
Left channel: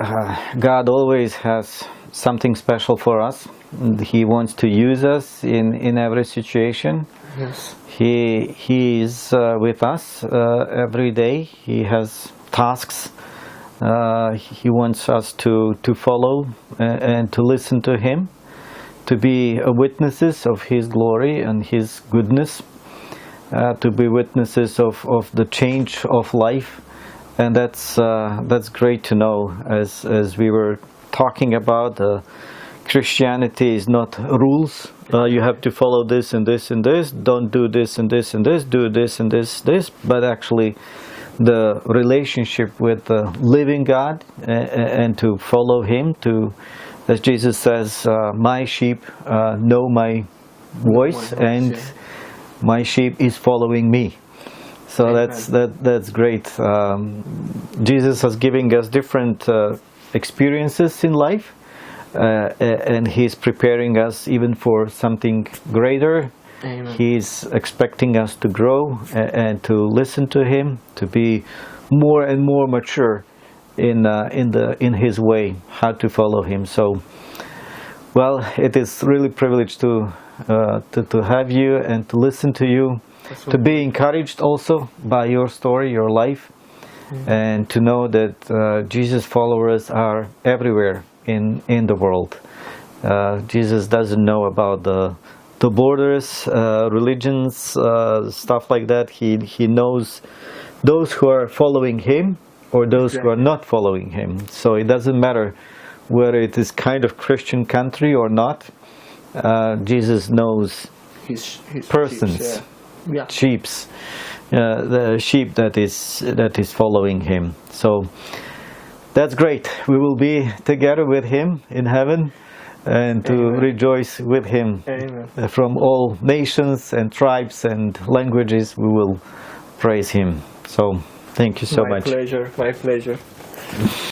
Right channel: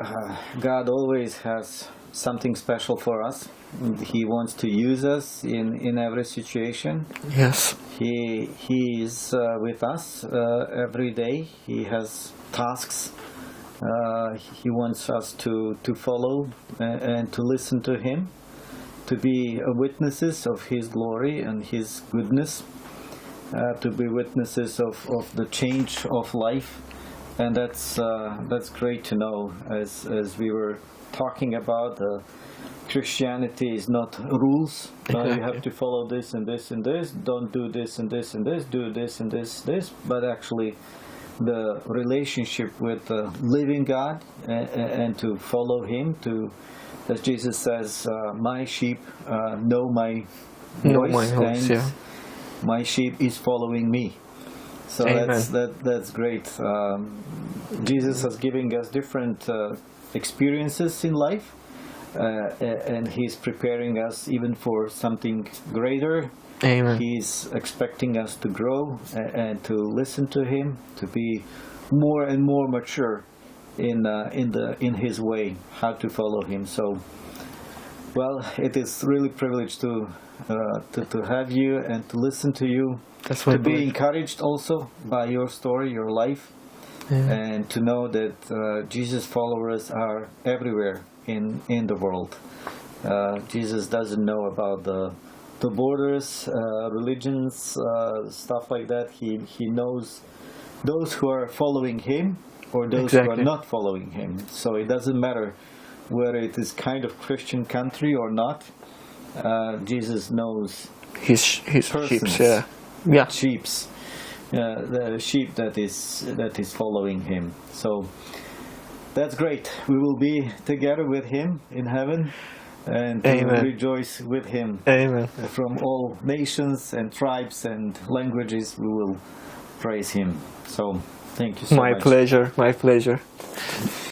God always has something special for us. He wants to use us in every situation. Yes, He is with us every day. He has tasks. He wants us to follow and to listen to Him, to be witnesses of His glory and His goodness, to be witnesses of the change of life. And that's great to know. As we were talking about, Christianity is not rules. You have to follow this and this and this. Don't do this and this and this. Do this and this. But actually, the relationship with the living God and to follow Him. As Jesus says, "My sheep know my voice, and my sheep is following me." So that's great. Jesus is giving us different experiences in life, and He's preparing us even for something greater. Amen. He's expecting us to grow and to listen to Him, to be more and more mature in His way, how to follow Him. So, well, it is really a privilege to have you and to listen to you. To be encouraged also by your story, your life, and to know that Jesus followers are everywhere in the world. Jesus doesn't know about the borders, religions, stuff like that. He knows those who are following Him or those who are not following Him. So it doesn't matter whether it is kind of Christian country or not. Jesus knows his persons. sheeps, sheeps, the sheep that is following him. So that's great. We will be together with him in heaven and to Amen. rejoice with him. Amen. From all nations and tribes and languages, we will praise him. So thank you so much. My pleasure. My pleasure.